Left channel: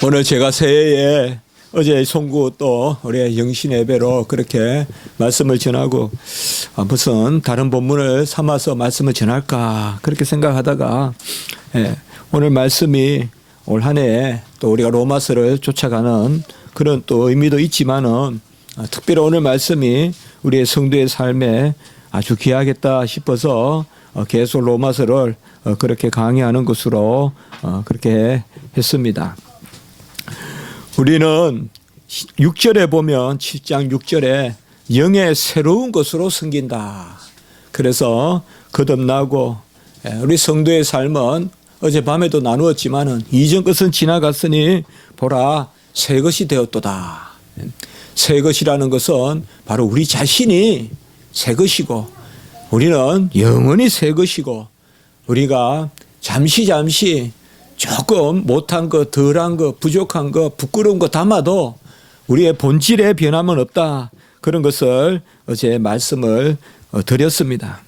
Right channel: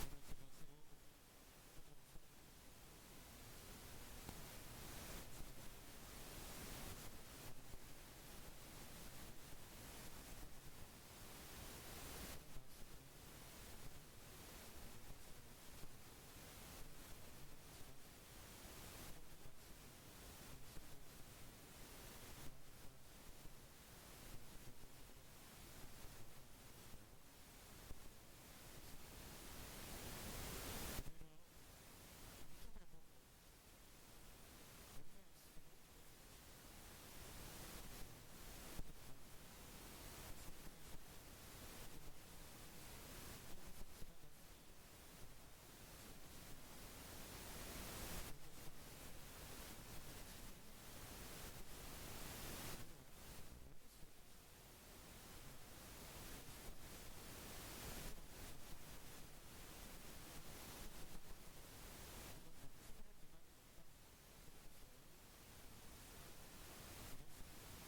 오늘 제가 새해에 어제 송구 또 우리 영신 예배로 그렇게 말씀을 전하고 무슨 다른 본문을 삼아서 말씀을 전할까 그렇게 생각하다가 오늘 말씀이 올 한 해 또 우리가 로마서를 쫓아가는 그런 또 의미도 있지만은 특별히 오늘 말씀이 우리의 성도의 삶에 아주 귀하겠다 싶어서 계속 로마서를 그렇게 강의하는 것으로 그렇게 했습니다. 우리는 6절에 보면 7장 6절에 영의 새로운 것으로 섬긴다. 그래서 거듭나고 우리 성도의 삶은 어젯밤에도 나누었지만은 이전 것은 지나갔으니 보라 새 것이 되었도다. 새 것이라는 것은 바로 우리 자신이 새 것이고 우리는 영원히 새 것이고 우리가 잠시 조금 못한 거, 덜한 거, 부족한 거, 부끄러운 거 담아도 우리의 본질에 변함은 없다. 그런 것을 어제 말씀을 드렸습니다.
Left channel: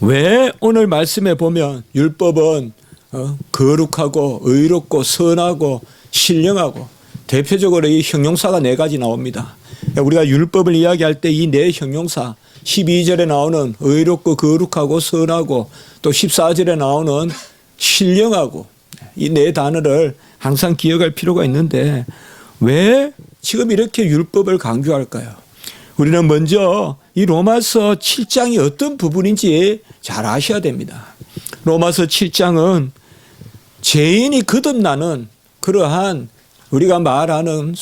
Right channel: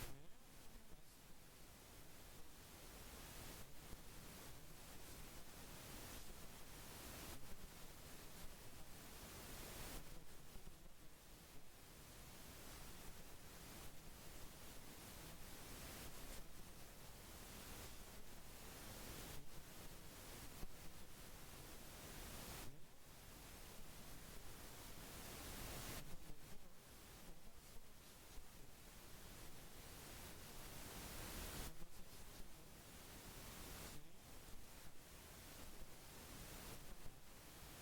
왜 오늘 말씀에 보면 율법은 거룩하고 의롭고 선하고 신령하고 대표적으로 이 형용사가 4가지 나옵니다. 우리가 율법을 이야기할 때 이 4 형용사 12절에 나오는 의롭고 거룩하고 선하고 또 14절에 나오는 신령하고 이 4 단어를 항상 기억할 필요가 있는데 왜 지금 이렇게 율법을 강조할까요? 우리는 먼저 이 로마서 7장이 어떤 부분인지 잘 아셔야 됩니다. 로마서 7장은 죄인이 거듭나는 그러한 우리가 말하는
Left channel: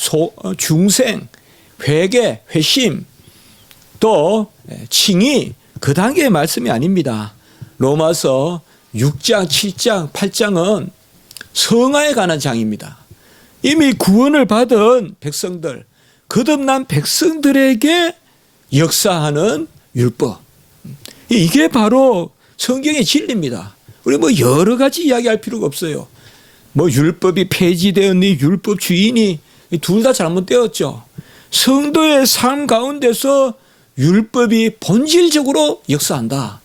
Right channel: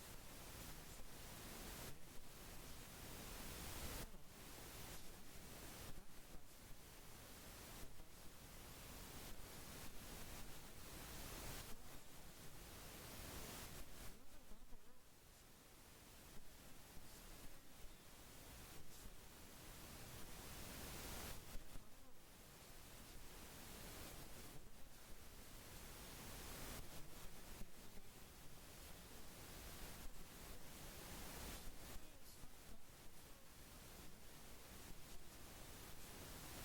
중생, 회개, 회심 또 칭의 그 단계의 말씀이 아닙니다. 로마서 6장, 7장, 8장은 성화에 관한 장입니다. 이미 구원을 받은 백성들, 거듭난 백성들에게 역사하는 율법. 이게 바로 성경의 진리입니다. 우리 여러 가지 이야기할 필요가 없어요. 율법이 폐지되었니, 율법 주인이 둘 다 잘못되었죠. 성도의 삶 가운데서 율법이 본질적으로 역사한다.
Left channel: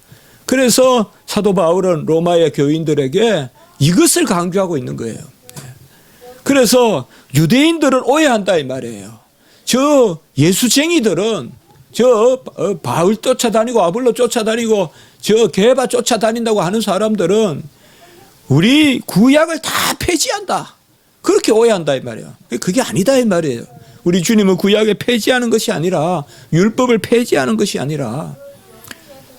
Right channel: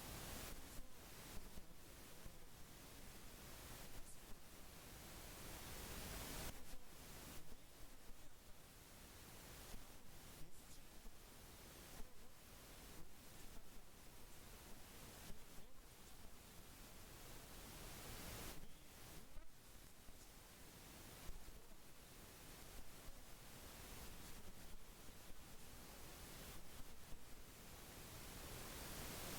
그래서 사도 바울은 로마의 교인들에게 이것을 강조하고 있는 거예요. 그래서 유대인들은 오해한다 이 말이에요. 저 예수쟁이들은 저 바울 쫓아다니고 아볼로 쫓아다니고 저 게바 쫓아다닌다고 하는 사람들은 우리 구약을 다 폐지한다. 그렇게 오해한다 이 말이에요. 그게 아니다 이 말이에요. 우리 주님은 구약을 폐지하는 것이 아니라 율법을 폐지하는 것이 아니라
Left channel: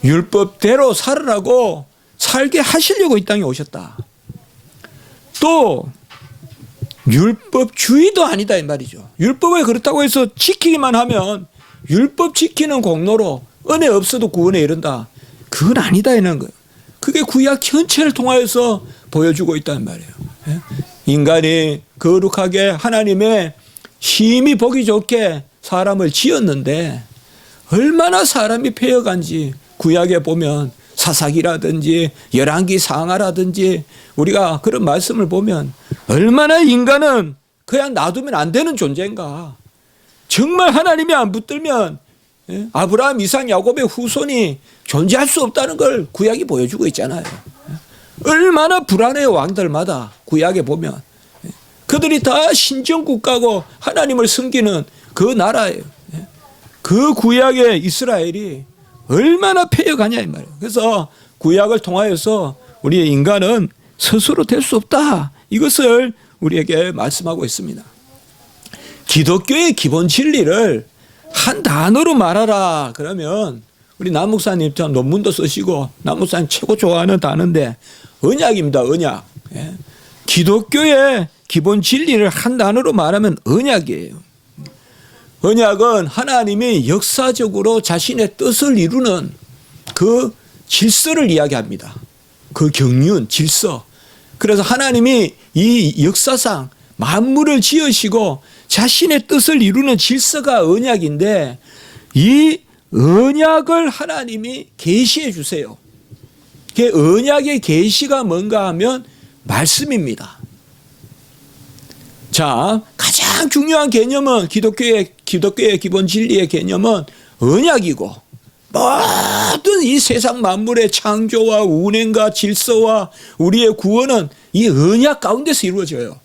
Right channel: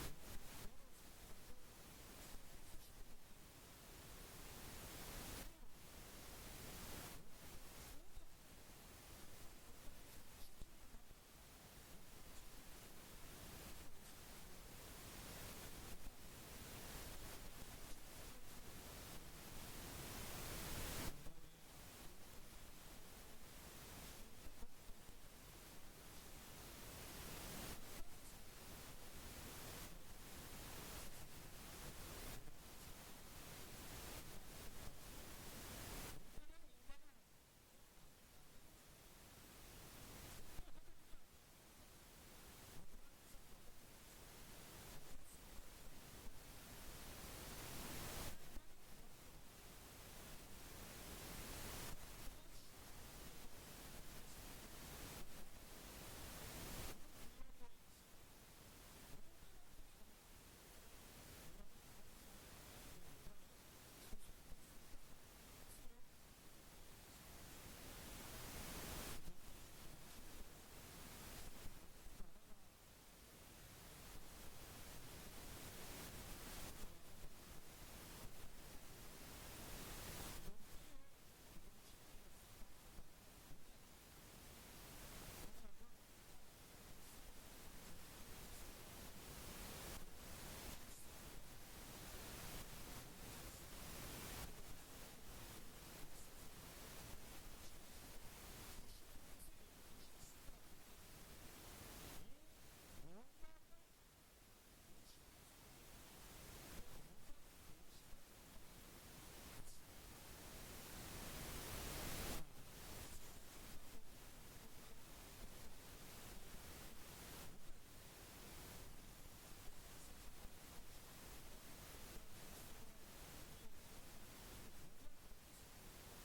율법대로 살으라고 살게 하시려고 이 땅에 오셨다. 또 율법주의도 아니다 이 말이죠. 율법을 그렇다고 해서 지키기만 하면 율법 지키는 공로로 은혜 없어도 구원에 이른다. 그건 아니다 이런 거예요. 그게 구약 전체를 통하여서 보여주고 있다는 말이에요. 인간이 거룩하게 하나님의 심히 보기 좋게 사람을 지었는데 얼마나 사람이 패여간지 구약에 보면 사사기라든지 열왕기 상하라든지 우리가 그런 말씀을 보면 얼마나 인간은 그냥 놔두면 안 되는 존재인가. 정말 하나님이 안 붙들면 아브라함, 이삭, 야곱의 후손이 존재할 수 없다는 걸 구약이 보여주고 있잖아요. 얼마나 불안해요 왕들마다 구약에 보면. 그들이 다 신정국가고 하나님을 섬기는 그 나라예요. 그 구약의 이스라엘이 얼마나 패여가냐 이 말이에요. 그래서 구약을 통하여서 우리의 인간은 스스로 될 수 없다. 이것을 우리에게 말씀하고 있습니다. 기독교의 기본 진리를 한 단어로 말하라 그러면 우리 남 목사님처럼 논문도 쓰시고 남 목사님 최고 좋아하는 단어인데 언약입니다. 언약. 기독교의 기본 진리를 한 단어로 말하면 언약이에요. 언약은 하나님이 역사적으로 자신의 뜻을 이루는 그 질서를 이야기합니다. 그 경륜, 질서. 그래서 하나님이 이 역사상 만물을 지으시고 자신의 뜻을 이루는 질서가 언약인데 이 언약을 하나님이 계시해 주세요. 그 언약의 계시가 뭔가 하면 말씀입니다. 자, 가장 중요한 개념은 기독교의 기본 진리의 개념은 언약이고 모든 이 세상 만물의 창조와 운행과 질서와 우리의 구원은 이 언약 가운데서 이루어져요.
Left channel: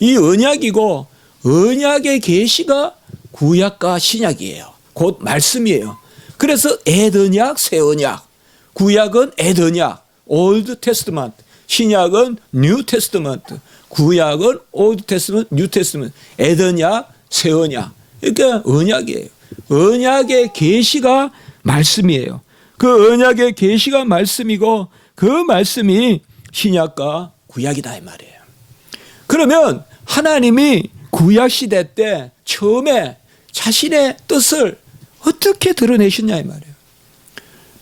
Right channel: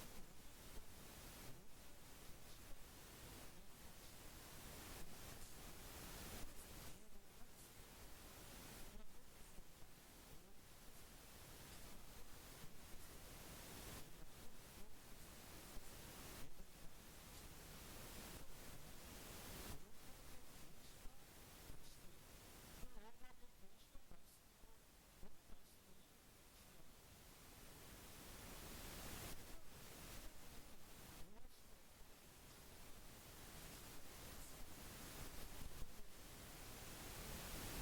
이 언약이고 언약의 계시가 구약과 신약이에요. 곧 말씀이에요. 그래서 옛 언약, 새 언약. 구약은 옛 언약, Old Testament. 신약은 New Testament. 구약은 Old Testament, New Testament. 옛 언약, 새 언약. 그러니까 언약이에요. 언약의 계시가 말씀이에요. 그 언약의 계시가 말씀이고 그 말씀이 신약과 구약이다 이 말이에요. 그러면 하나님이 구약 시대 때 처음에 자신의 뜻을 어떻게 드러내셨냐 이 말이에요.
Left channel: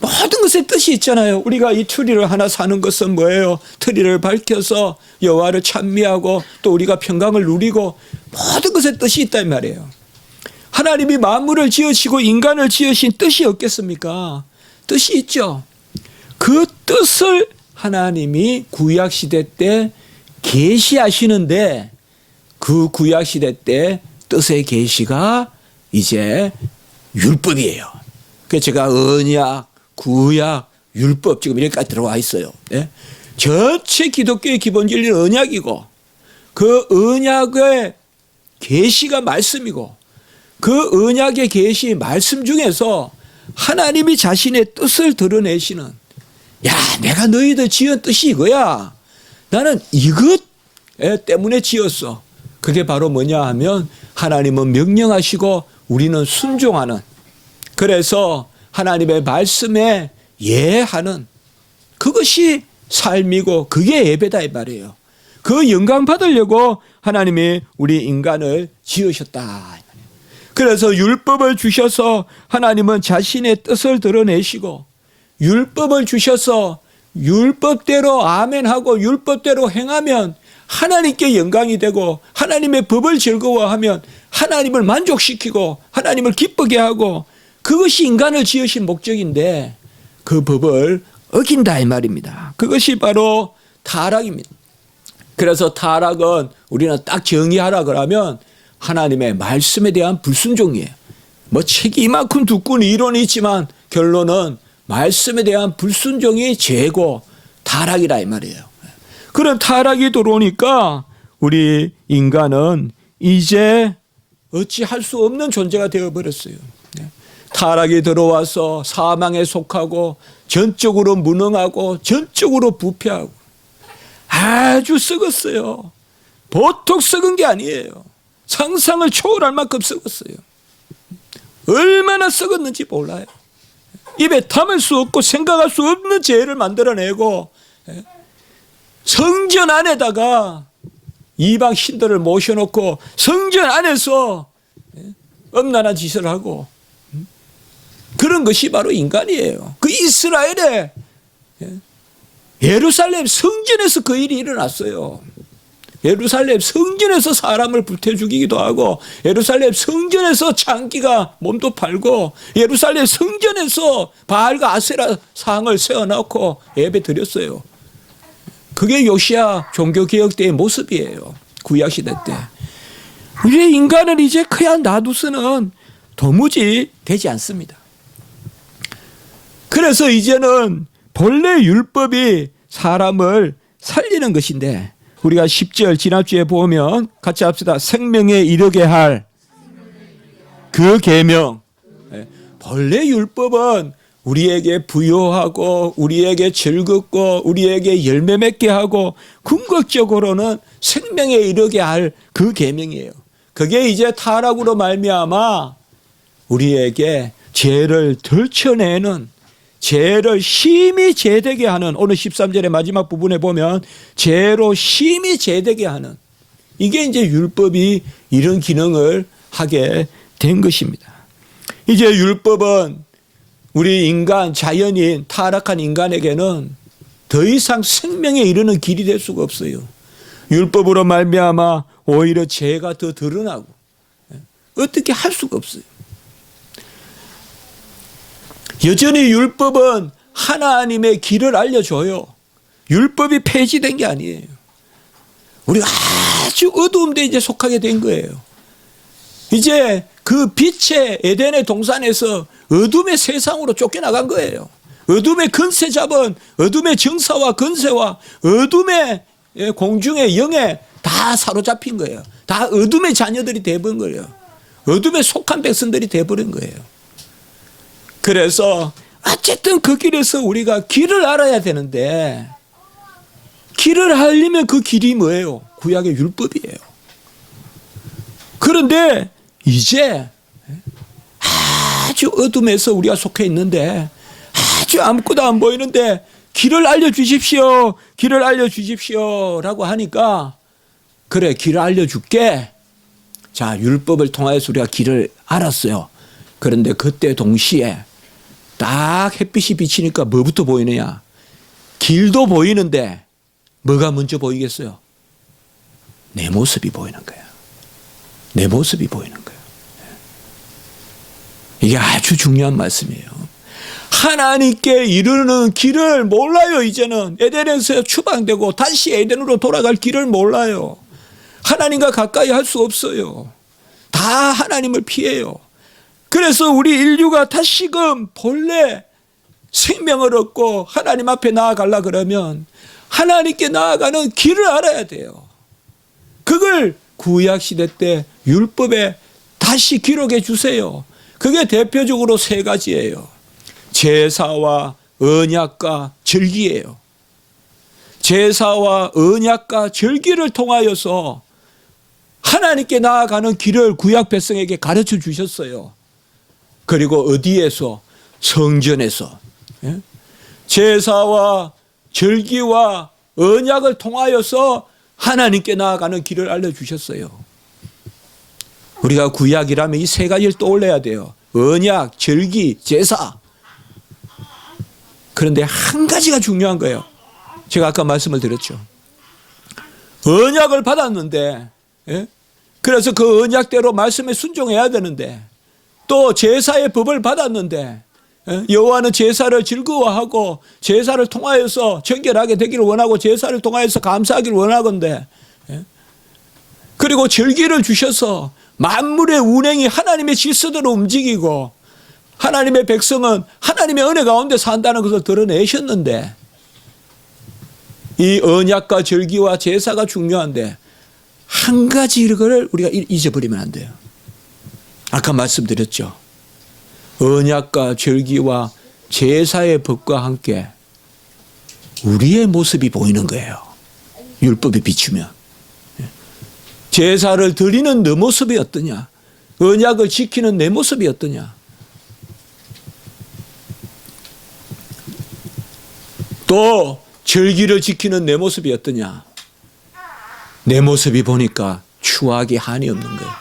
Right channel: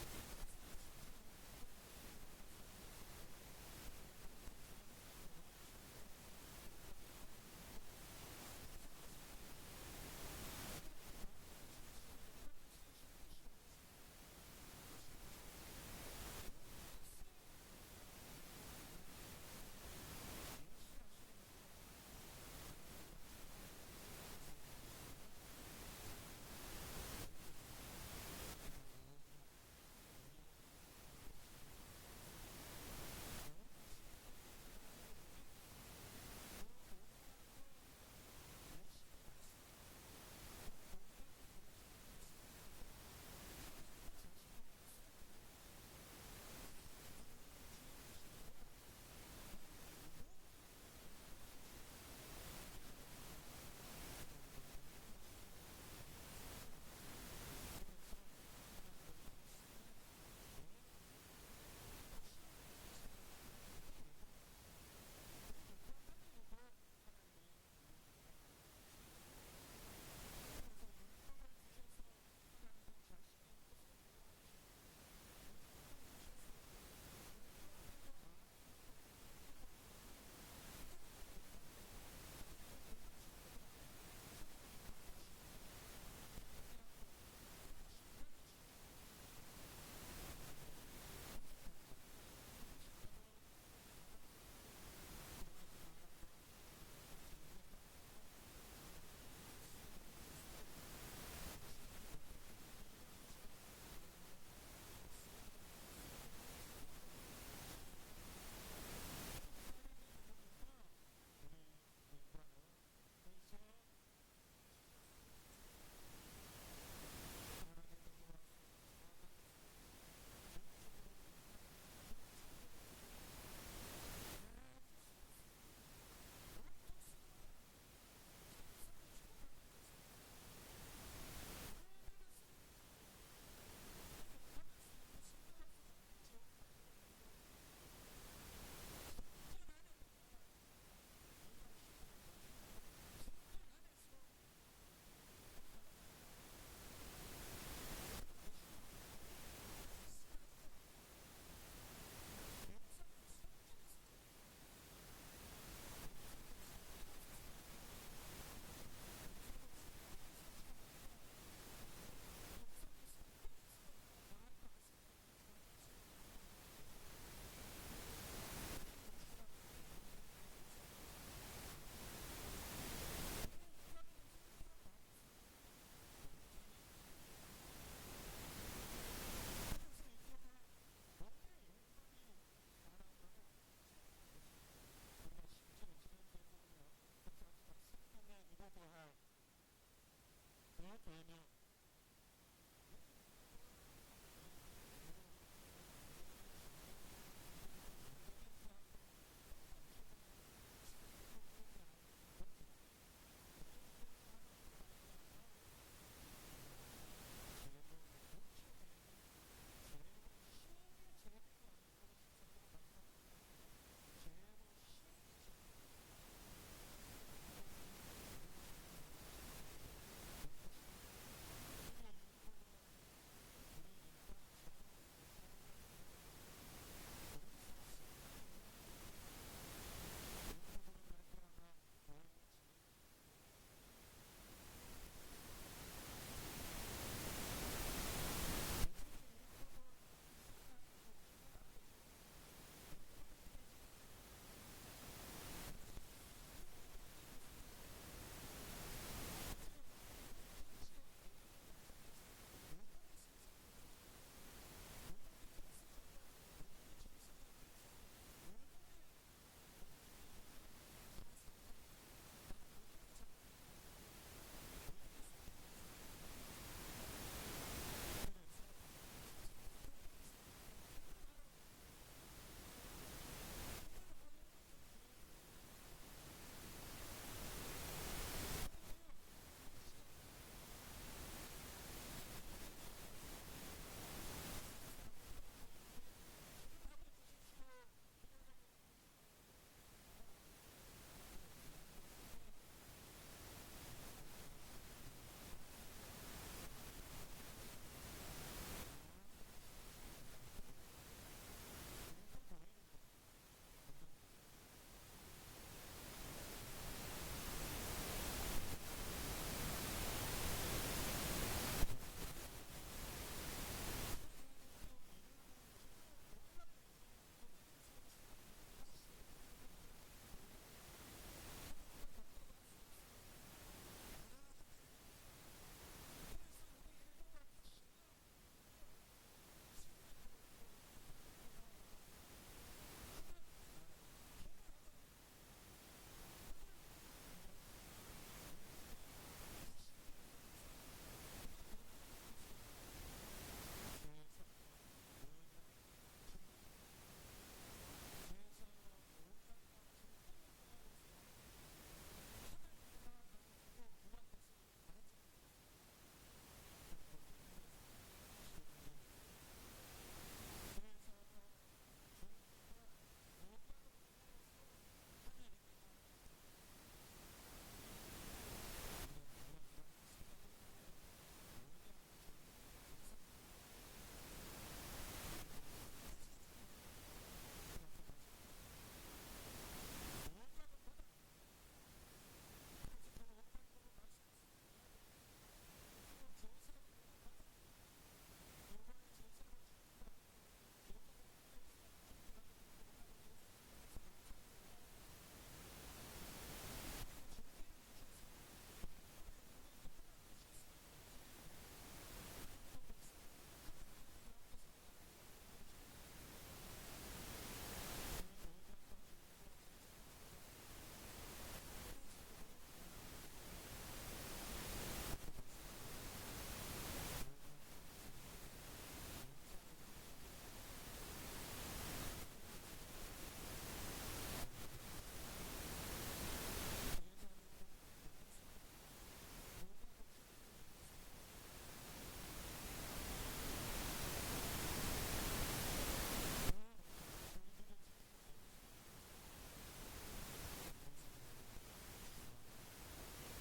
모든 것에 뜻이 있잖아요. 우리가 이 트리를 하나 사는 것은 뭐예요? 트리를 밝혀서 여호와를 찬미하고 또 우리가 평강을 누리고 모든 것에 뜻이 있다 이 말이에요. 하나님이 만물을 지으시고 인간을 지으신 뜻이 없겠습니까? 뜻이 있죠. 그 뜻을 하나님이 구약 시대 때 계시하시는데 그 구약 시대 때 뜻의 계시가 이제 율법이에요. 그래서 제가 언약, 구약, 율법 지금 이렇게까지 들어와 있어요. 네? 전체 기독교의 기본 진리는 언약이고 그 언약의 계시가 말씀이고 그 언약의 계시 말씀 중에서 하나님이 자신의 뜻을 드러내시는 야 내가 너희들 지은 뜻이 이거야. 나는 이것 때문에 지었어. 그게 바로 뭐냐 하면 하나님은 명령하시고 우리는 순종하는 그래서 하나님의 말씀에 예하는 그것이 삶이고 그게 예배다 이 말이에요. 그 영광 받으려고 하나님이 우리 인간을 지으셨다. 그래서 율법을 주셔서 하나님은 자신의 뜻을 드러내시고 율법을 주셔서 율법대로 아멘하고 율법대로 행하면 하나님께 영광이 되고 하나님의 법을 즐거워하면 하나님을 만족시키고 하나님을 기쁘게 하고 그것이 인간을 지으신 목적인데 그 법을 어긴다 이 말입니다. 그것이 바로 타락입니다. 그래서 타락은 우리는 딱 정의하라 그러면 하나님의 말씀에 대한 불순종이에요. 뭐 책이 이만큼 두꺼운 이론이 있지만 결론은 말씀에 대한 불순종이 죄고 타락이라 이 말이에요. 그런 타락이 들어오니까 우리 인간은 이제 어찌할 수 없는 존재가 되어버렸어요. 타락이 들어와서 사망에 속하고 전적으로 무능하고 전적으로 부패하고 아주 썩었어요. 보통 썩은 게 아니에요. 상상을 초월할 만큼 썩었어요. 얼마나 썩었는지 몰라요. 입에 담을 수 없고 생각할 수 없는 죄를 만들어내고 성전 안에다가 이방 신들을 모셔놓고 성전 안에서 엄란한 짓을 하고 그런 것이 바로 인간이에요. 그 이스라엘의 예루살렘 성전에서 그 일이 일어났어요. 예루살렘 성전에서 사람을 불태 죽이기도 하고 예루살렘 성전에서 장기가 몸도 팔고 예루살렘 성전에서 바알과 아세라 상을 세워놓고 예배 드렸어요. 그게 요시야 종교개혁 때의 모습이에요. 구약시대 때. 우리의 인간은 이제 그냥 놔두서는 도무지 되지 않습니다. 그래서 이제는 본래 율법이 사람을 살리는 것인데 우리가 10절 지난주에 보면 같이 합시다. 생명에 이르게 할 그 계명. 본래 율법은 우리에게 부요하고 우리에게 즐겁고 우리에게 열매 맺게 하고 궁극적으로는 생명에 이르게 할 그 계명이에요. 그게 이제 타락으로 말미암아 우리에게 죄를 덜쳐내는 죄를 심히 제되게 하는 오늘 13절의 마지막 부분에 보면 죄로 심히 제되게 하는 이게 이제 율법이 이런 기능을 하게 된 것입니다. 이제 율법은 우리 인간 자연인 타락한 인간에게는 더 이상 생명에 이르는 길이 될 수가 없어요. 율법으로 말미암아 오히려 죄가 더 드러나고 어떻게 할 수가 없어요. 여전히 율법은 하나님의 길을 알려줘요. 율법이 폐지된 게 아니에요. 우리가 아주 어두운 데 이제 속하게 된 거예요. 이제 그 빛의 에덴의 동산에서 어둠의 세상으로 쫓겨나간 거예요. 어둠의 권세 잡은 어둠의 정사와 권세와 어둠의 공중의 영의 다 사로잡힌 거예요. 다 어둠의 자녀들이 돼버린 거예요. 어둠에 속한 백성들이 돼버린 거예요. 그래서 어쨌든 그 길에서 우리가 길을 알아야 되는데, 길을 알려면 그 길이 뭐예요? 구약의 율법이에요. 그런데 이제 아주 어둠에서 우리가 속해 있는데, 아주 아무것도 안 보이는데 길을 알려주십시오, 길을 알려주십시오 라고 하니까, 그래 길을 알려줄게. 자, 율법을 통해서 우리가 길을 알았어요. 그런데 그때 동시에 딱 햇빛이 비치니까 뭐부터 보이느냐? 길도 보이는데 뭐가 먼저 보이겠어요? 내 모습이 보이는 거야. 내 모습이 보이는 거야. 이게 아주 중요한 말씀이에요. 하나님께 이르는 길을 몰라요. 이제는 에덴에서 추방되고 다시 에덴으로 돌아갈 길을 몰라요. 하나님과 가까이 할 수 없어요. 다 하나님을 피해요. 그래서 우리 인류가 다시금 본래 생명을 얻고 하나님 앞에 나아가려 그러면 하나님께 나아가는 길을 알아야 돼요. 그걸 구약시대 때 율법에 다시 기록해 주세요. 그게 대표적으로 세 가지예요. 제사와 언약과 절기예요. 제사와 언약과 절기를 통하여서 하나님께 나아가는 길을 구약 백성에게 가르쳐 주셨어요. 그리고 어디에서? 성전에서. 제사와 절기와 언약을 통하여서 하나님께 나아가는 길을 알려주셨어요. 우리가 구약이라면 이 세 가지를 떠올려야 돼요. 언약, 절기, 제사. 그런데 한 가지가 중요한 거예요. 제가 아까 말씀을 드렸죠. 언약을 받았는데, 그래서 그 언약대로 말씀에 순종해야 되는데, 또 제사의 법을 받았는데, 여호와는 제사를 즐거워하고 제사를 통하여서 정결하게 되기를 원하고 제사를 통하여서 감사하기를 원하건대, 그리고 절기를 주셔서 만물의 운행이 하나님의 질서대로 움직이고 하나님의 백성은 하나님의 은혜 가운데 산다는 것을 드러내셨는데, 이 언약과 절기와 제사가 중요한데 한 가지 이거를 우리가 잊어버리면 안 돼요. 아까 말씀드렸죠. 언약과 절기와 제사의 법과 함께 우리의 모습이 보이는 거예요. 율법에 비추면. 제사를 드리는 내 모습이 어떠냐? 언약을 지키는 내 모습이 어떠냐? 또 절기를 지키는 내 모습이 어떠냐? 내 모습이 보니까 추하기 한이 없는 거예요.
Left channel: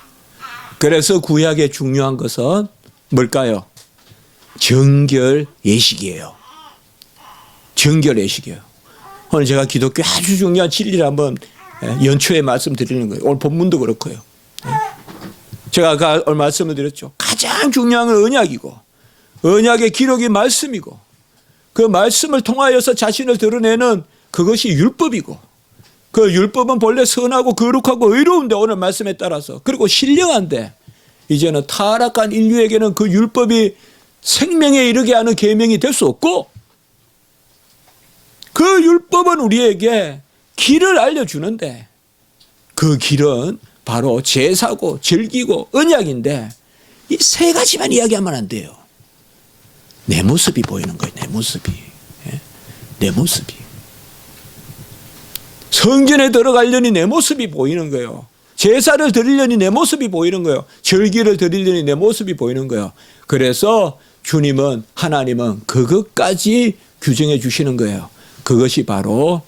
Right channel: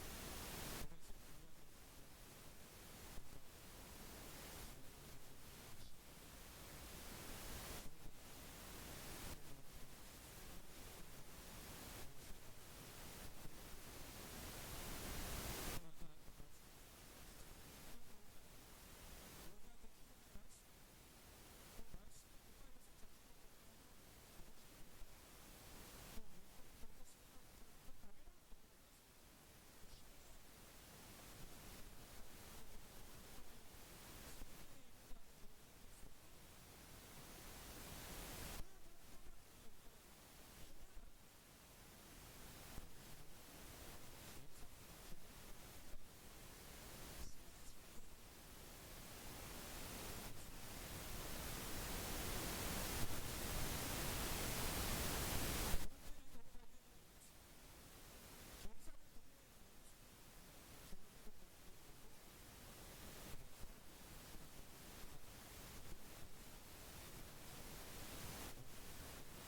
그래서 구약의 중요한 것은 뭘까요? 정결 예식이에요. 정결 예식이에요. 오늘 제가 기독교 아주 중요한 진리를 한번 연초에 말씀드리는 거예요. 오늘 본문도 그렇고요. 제가 아까 말씀을 드렸죠. 가장 중요한 건 언약이고, 언약의 기록이 말씀이고, 그 말씀을 통하여서 자신을 드러내는 그것이 율법이고, 그 율법은 본래 선하고 거룩하고 의로운데 오늘 말씀에 따라서, 그리고 신령한데, 이제는 타락한 인류에게는 그 율법이 생명에 이르게 하는 계명이 될 수 없고, 그 율법은 우리에게 길을 알려주는데, 그 길은 바로 제사고 절기고 언약인데, 이 세 가지만 이야기하면 안 돼요. 내 모습이 보이는 거예요. 내 모습이. 내 모습이. 성전에 들어가려니 내 모습이 보이는 거예요. 제사를 드리려니 내 모습이 보이는 거예요. 절기를 드리려니 내 모습이 보이는 거예요. 그래서 주님은, 하나님은 그것까지 규정해 주시는 거예요. 그것이 바로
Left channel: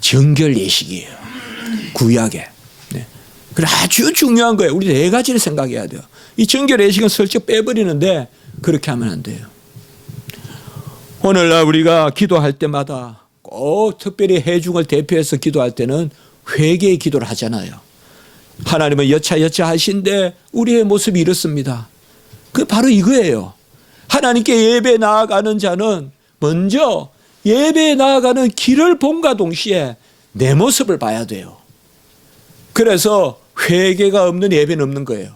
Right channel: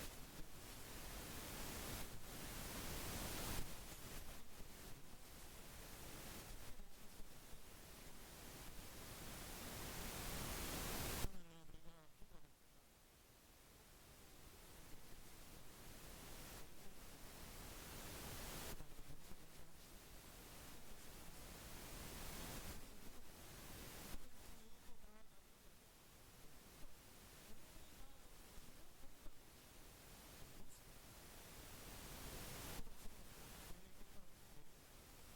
정결 예식이에요. 구약에. 네. 그래 아주 중요한 거예요. 우리 네 가지를 생각해야 돼요. 이 정결 예식은 슬쩍 빼버리는데 그렇게 하면 안 돼요. 오늘날 우리가 기도할 때마다 꼭 특별히 회중을 대표해서 기도할 때는 회개의 기도를 하잖아요. 하나님은 여차여차 하신데 우리의 모습이 이렇습니다. 그 바로 이거예요. 하나님께 예배 나아가는 자는 먼저 예배에 나아가는 길을 봄과 동시에 내 모습을 봐야 돼요. 그래서 회개가 없는 예배는 없는 거예요.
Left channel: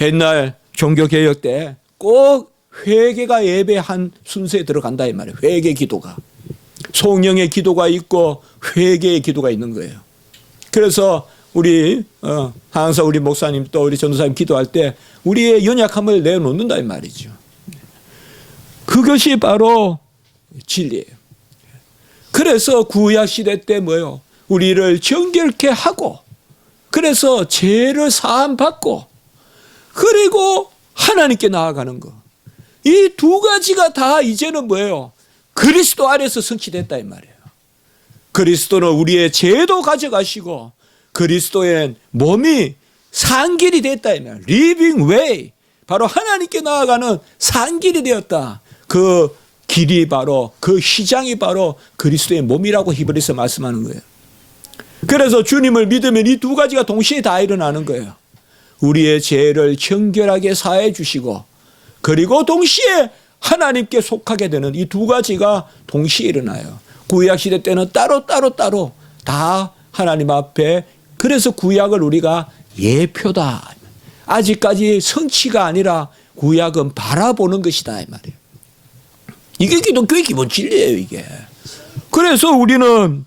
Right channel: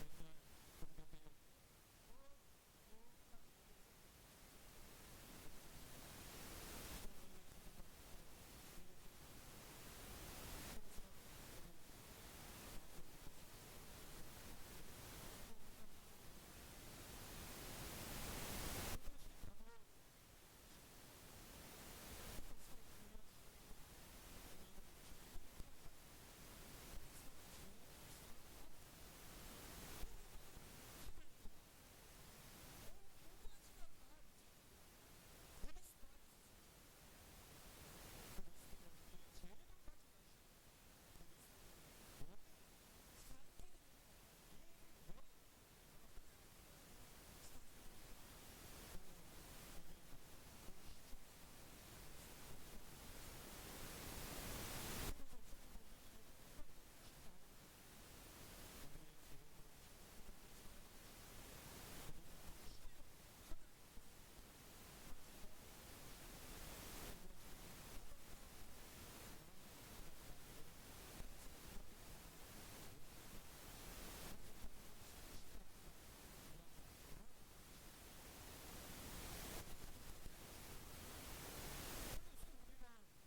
옛날 종교개혁 때 꼭 회개가 예배 한 순서에 들어간다 이 말이에요. 회개 기도가. 성령의 기도가 있고 회개의 기도가 있는 거예요. 그래서 우리 항상 우리 목사님 또 우리 전도사님 기도할 때 우리의 연약함을 내놓는다 이 말이죠. 그것이 바로 진리예요. 그래서 구약 시대 때 뭐요? 우리를 정결케 하고, 그래서 죄를 사함 받고, 그리고 하나님께 나아가는 거. 이 두 가지가 다 이제는 뭐예요? 그리스도 안에서 성취됐다 이 말이에요. 그리스도는 우리의 죄도 가져가시고 그리스도의 몸이 산길이 됐다 이 말이에요. Living way. 바로 하나님께 나아가는 산길이 되었다. 그 길이 바로, 그 시장이 바로 그리스도의 몸이라고 히브리서 말씀하는 거예요. 그래서 주님을 믿으면 이 두 가지가 동시에 다 일어나는 거예요. 우리의 죄를 정결하게 사해 주시고, 그리고 동시에 하나님께 속하게 되는 이 두 가지가 동시에 일어나요. 구약시대 때는 따로 다 하나님 앞에, 그래서 구약을 우리가 예표다. 아직까지 성취가 아니라 구약은 바라보는 것이다 이 말이에요. 이게 기독교의 기본 진리예요 이게. 그래서 우리는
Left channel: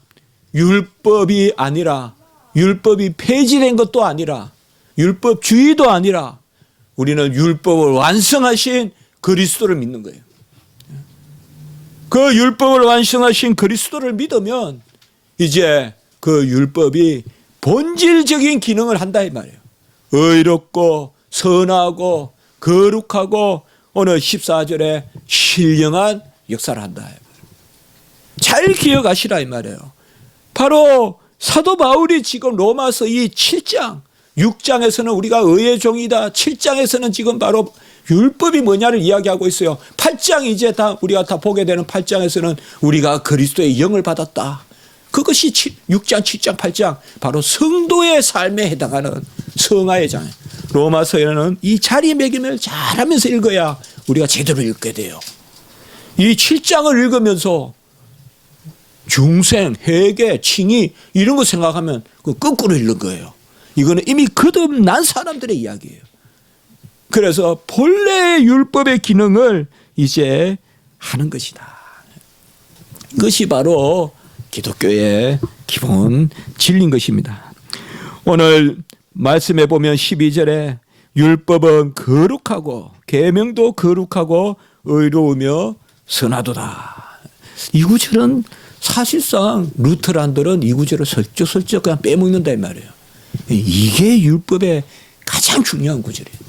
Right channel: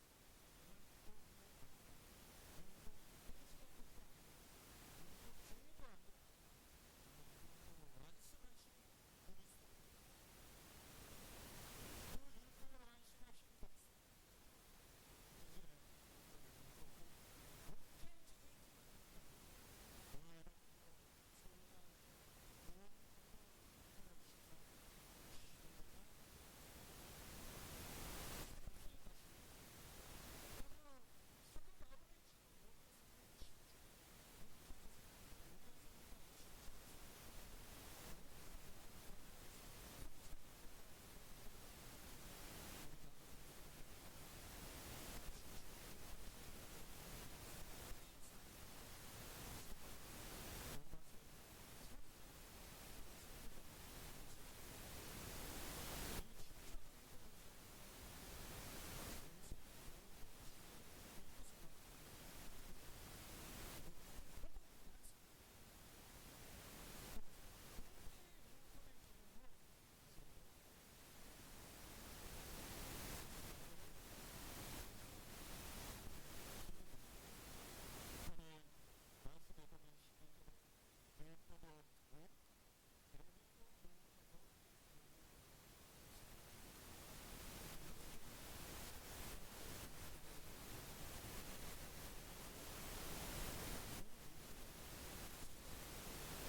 율법이 아니라, 율법이 폐지된 것도 아니라, 율법주의도 아니라, 우리는 율법을 완성하신 그리스도를 믿는 거예요. 그 율법을 완성하신 그리스도를 믿으면 이제 그 율법이 본질적인 기능을 한다 이 말이에요. 의롭고 선하고 거룩하고 오늘 14절에 신령한 역사를 한다. 잘 기억하시라 이 말이에요. 바로 사도 바울이 지금 로마서 이 7장, 6장에서는 우리가 의의 종이다. 7장에서는 지금 바로 율법이 뭐냐를 이야기하고 있어요. 8장 이제 다 우리가 다 보게 되는 8장에서는 우리가 그리스도의 영을 받았다. 그것이 6장, 7장, 8장 바로 성도의 삶에 해당하는 성화의 장. 로마서에는 이 자리매김을 잘하면서 읽어야 우리가 제대로 읽게 돼요. 이 7장을 읽으면서 중생, 회개, 칭의 이런 거 생각하면 그 거꾸로 읽는 거예요. 이거는 이미 거듭난 사람들의 이야기예요. 그래서 본래의 율법의 기능을 이제 하는 것이다. 그것이 바로 기독교의 기본 진리인 것입니다. 오늘 말씀해 보면 12절에 율법은 거룩하고 계명도 거룩하고 의로우며 선하도다. 이 구절은 사실상 루터란들은 이 구절을 슬쩍슬쩍 그냥 빼먹는다 이 말이에요. 이게 율법의 가장 중요한 구절이에요.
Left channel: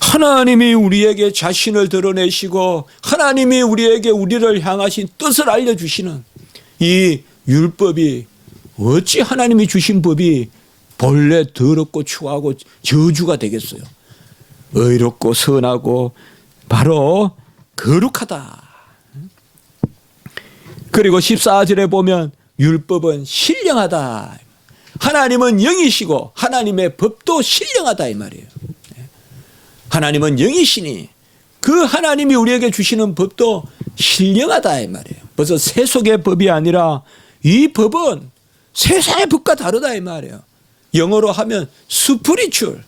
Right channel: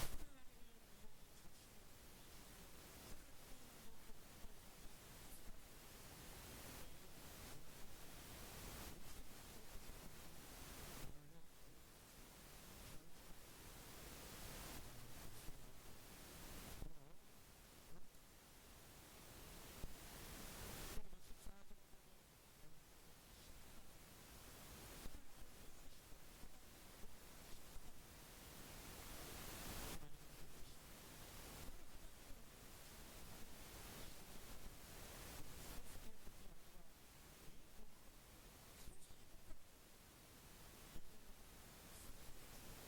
하나님이 우리에게 자신을 드러내시고 하나님이 우리에게 우리를 향하신 뜻을 알려주시는 이 율법이, 어찌 하나님이 주신 법이 본래 더럽고 추하고 저주가 되겠어요. 의롭고 선하고 바로 거룩하다. 그리고 14절에 보면 율법은 신령하다. 하나님은 영이시고 하나님의 법도 신령하다 이 말이에요. 하나님은 영이시니 그 하나님이 우리에게 주시는 법도 신령하다 이 말이에요. 벌써 세속의 법이 아니라 이 법은 세상의 법과 다르다 이 말이에요. 영어로 하면 스피리추얼,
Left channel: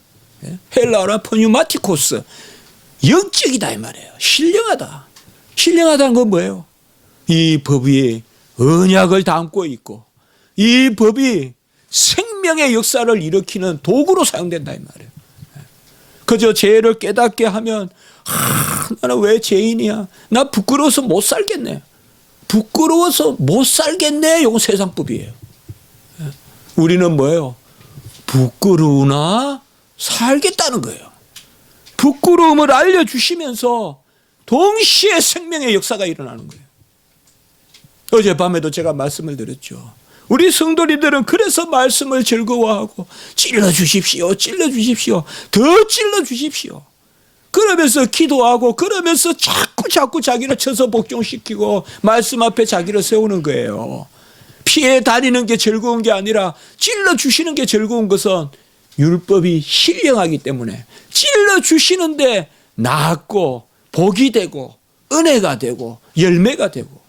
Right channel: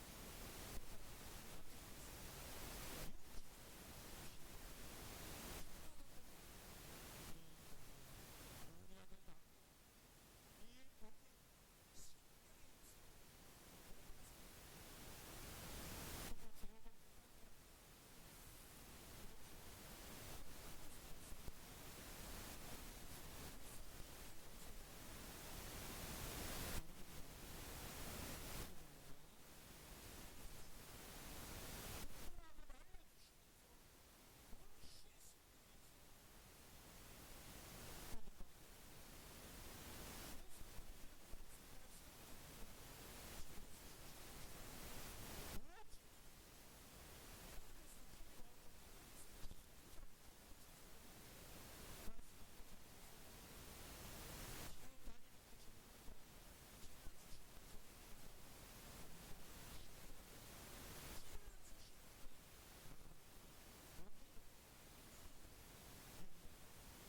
헬라어로 푸뉴마티코스, 영적이다 이 말이에요. 신령하다. 신령하다는 건 뭐예요? 이 법이 언약을 담고 있고 이 법이 생명의 역사를 일으키는 도구로 사용된다 이 말이에요. 그저 죄를 깨닫게 하면 나는 왜 죄인이야? 나 부끄러워서 못 살겠네. 부끄러워서 못 살겠네. 이건 세상법이에요. 우리는 뭐예요? 부끄러우나 살겠다는 거예요. 부끄러움을 알려주시면서 동시에 생명의 역사가 일어나는 거예요. 어젯밤에도 제가 말씀을 드렸죠. 우리 성도님들은 그래서 말씀을 즐거워하고 찔러주십시오. 찔러주십시오. 더 찔러주십시오. 그러면서 기도하고 그러면서 자꾸 자기를 쳐서 복종시키고 말씀 앞에 자기를 세우는 거예요. 피해 다니는 게 즐거운 게 아니라 찔러주시는 게 즐거운 것은 율법이 신령하기 때문에 찔러주시는데 낫고 복이 되고 은혜가 되고 열매가 되고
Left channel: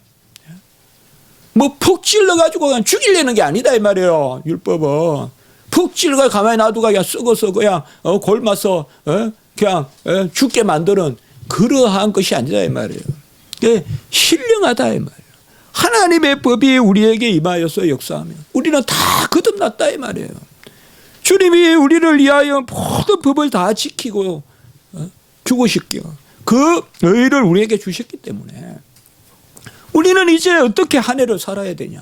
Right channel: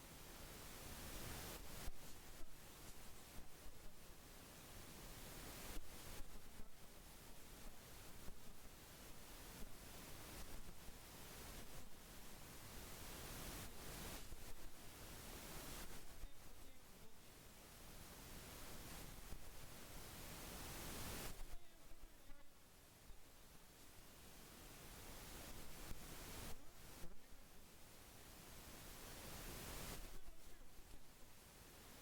뭐 푹 찔러가지고 그냥 죽이려는 게 아니다 이 말이에요. 율법은 푹 찔러가 가만히 놔두고 그냥 썩어서 그냥 골마서 그냥 죽게 만드는 그러한 것이 아니다 이 말이에요. 신령하다 이 말이에요. 하나님의 법이 우리에게 임하여서 역사하면 우리는 다 거듭났다 이 말이에요. 주님이 우리를 위하여 모든 법을 다 지키고 죽으셨기에 그 의를 우리에게 주셨기 때문에 우리는 이제 어떻게 한 해를 살아야 되냐.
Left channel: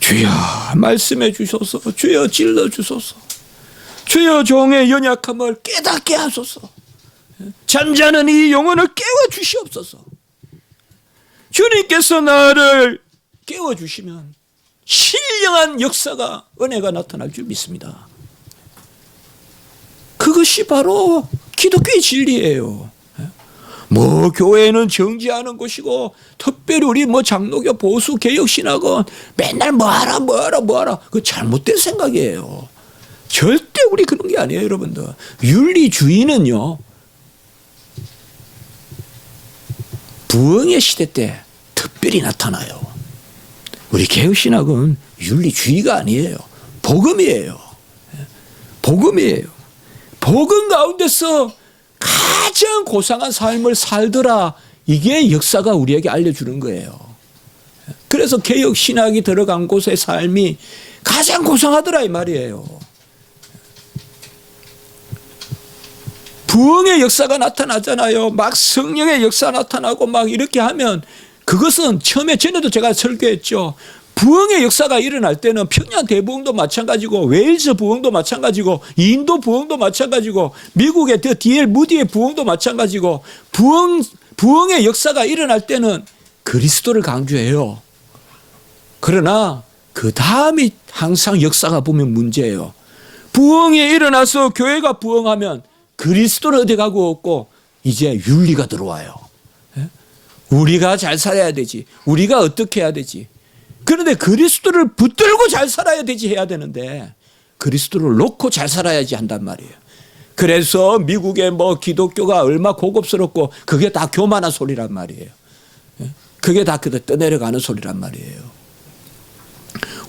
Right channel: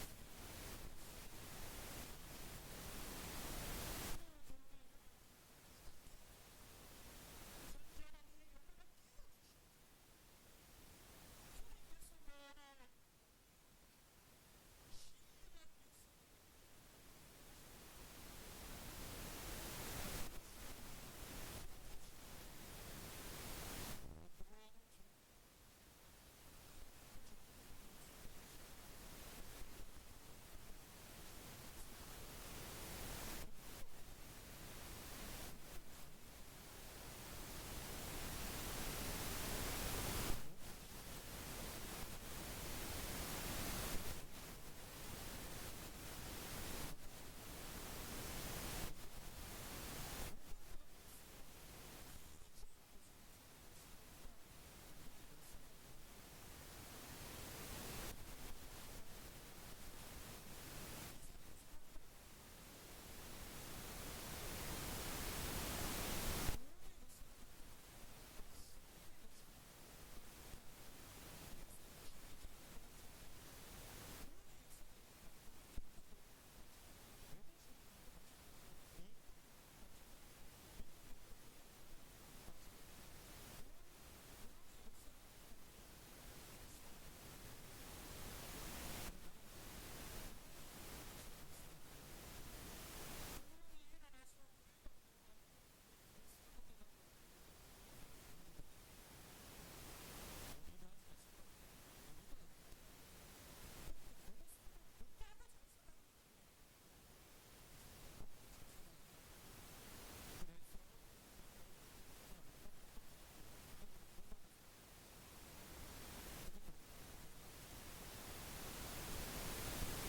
주여 말씀해 주소서. 주여 찔러 주소서. 주여 종의 연약함을 깨닫게 하소서. 잠자는 이 영혼을 깨워 주시옵소서. 주님께서 나를 깨워 주시면 신령한 역사가 은혜가 나타날 줄 믿습니다. 그것이 바로 기독교의 진리예요. 뭐 교회는 정지하는 곳이고 특별히 우리 뭐 장로교 보수 개혁신학은 맨날 뭐하라 그 잘못된 생각이에요. 절대 우리 그런 게 아니에요. 여러분들 윤리주의는요 부흥의 시대 때 특별히 나타나요. 우리 개혁신학은 윤리주의가 아니에요. 복음이에요. 복음이에요. 복음 가운데서 가장 고상한 삶을 살더라. 이게 역사가 우리에게 알려주는 거예요. 그래서 개혁신학이 들어간 곳의 삶이 가장 고상하더라 이 말이에요. 부흥의 역사가 나타나잖아요. 막 성령의 역사 나타나고 막 이렇게 하면 그것은 처음에 전에도 제가 설교했죠. 부흥의 역사가 일어날 때는 평양 대부흥도 마찬가지고 웨일즈 부흥도 마찬가지고 인도 부흥도 마찬가지고 미국의 D.L. 무디의 부흥도 마찬가지고 부흥의 역사가 일어날 때는 그리스도를 강조해요. 그러나 그 다음이 항상 역사가 보면 문제예요. 부흥이 일어나서 교회가 부흥하면 그리스도를 어디 가고 없고 이제 윤리가 들어와요. 우리가 잘 살아야 되지. 우리가 어떻게 해야 되지. 그런데 그리스도를 붙들고 잘 살아야 되지 해야 되는데 그리스도를 놓고 잘 살아야지 한단 말이에요. 그래서 미국의 뭐 기독교가 얼마 고급스럽고 그게 다 교만한 소리란 말이에요. 그게 다 그대 떠내려가는 소리란 말이에요.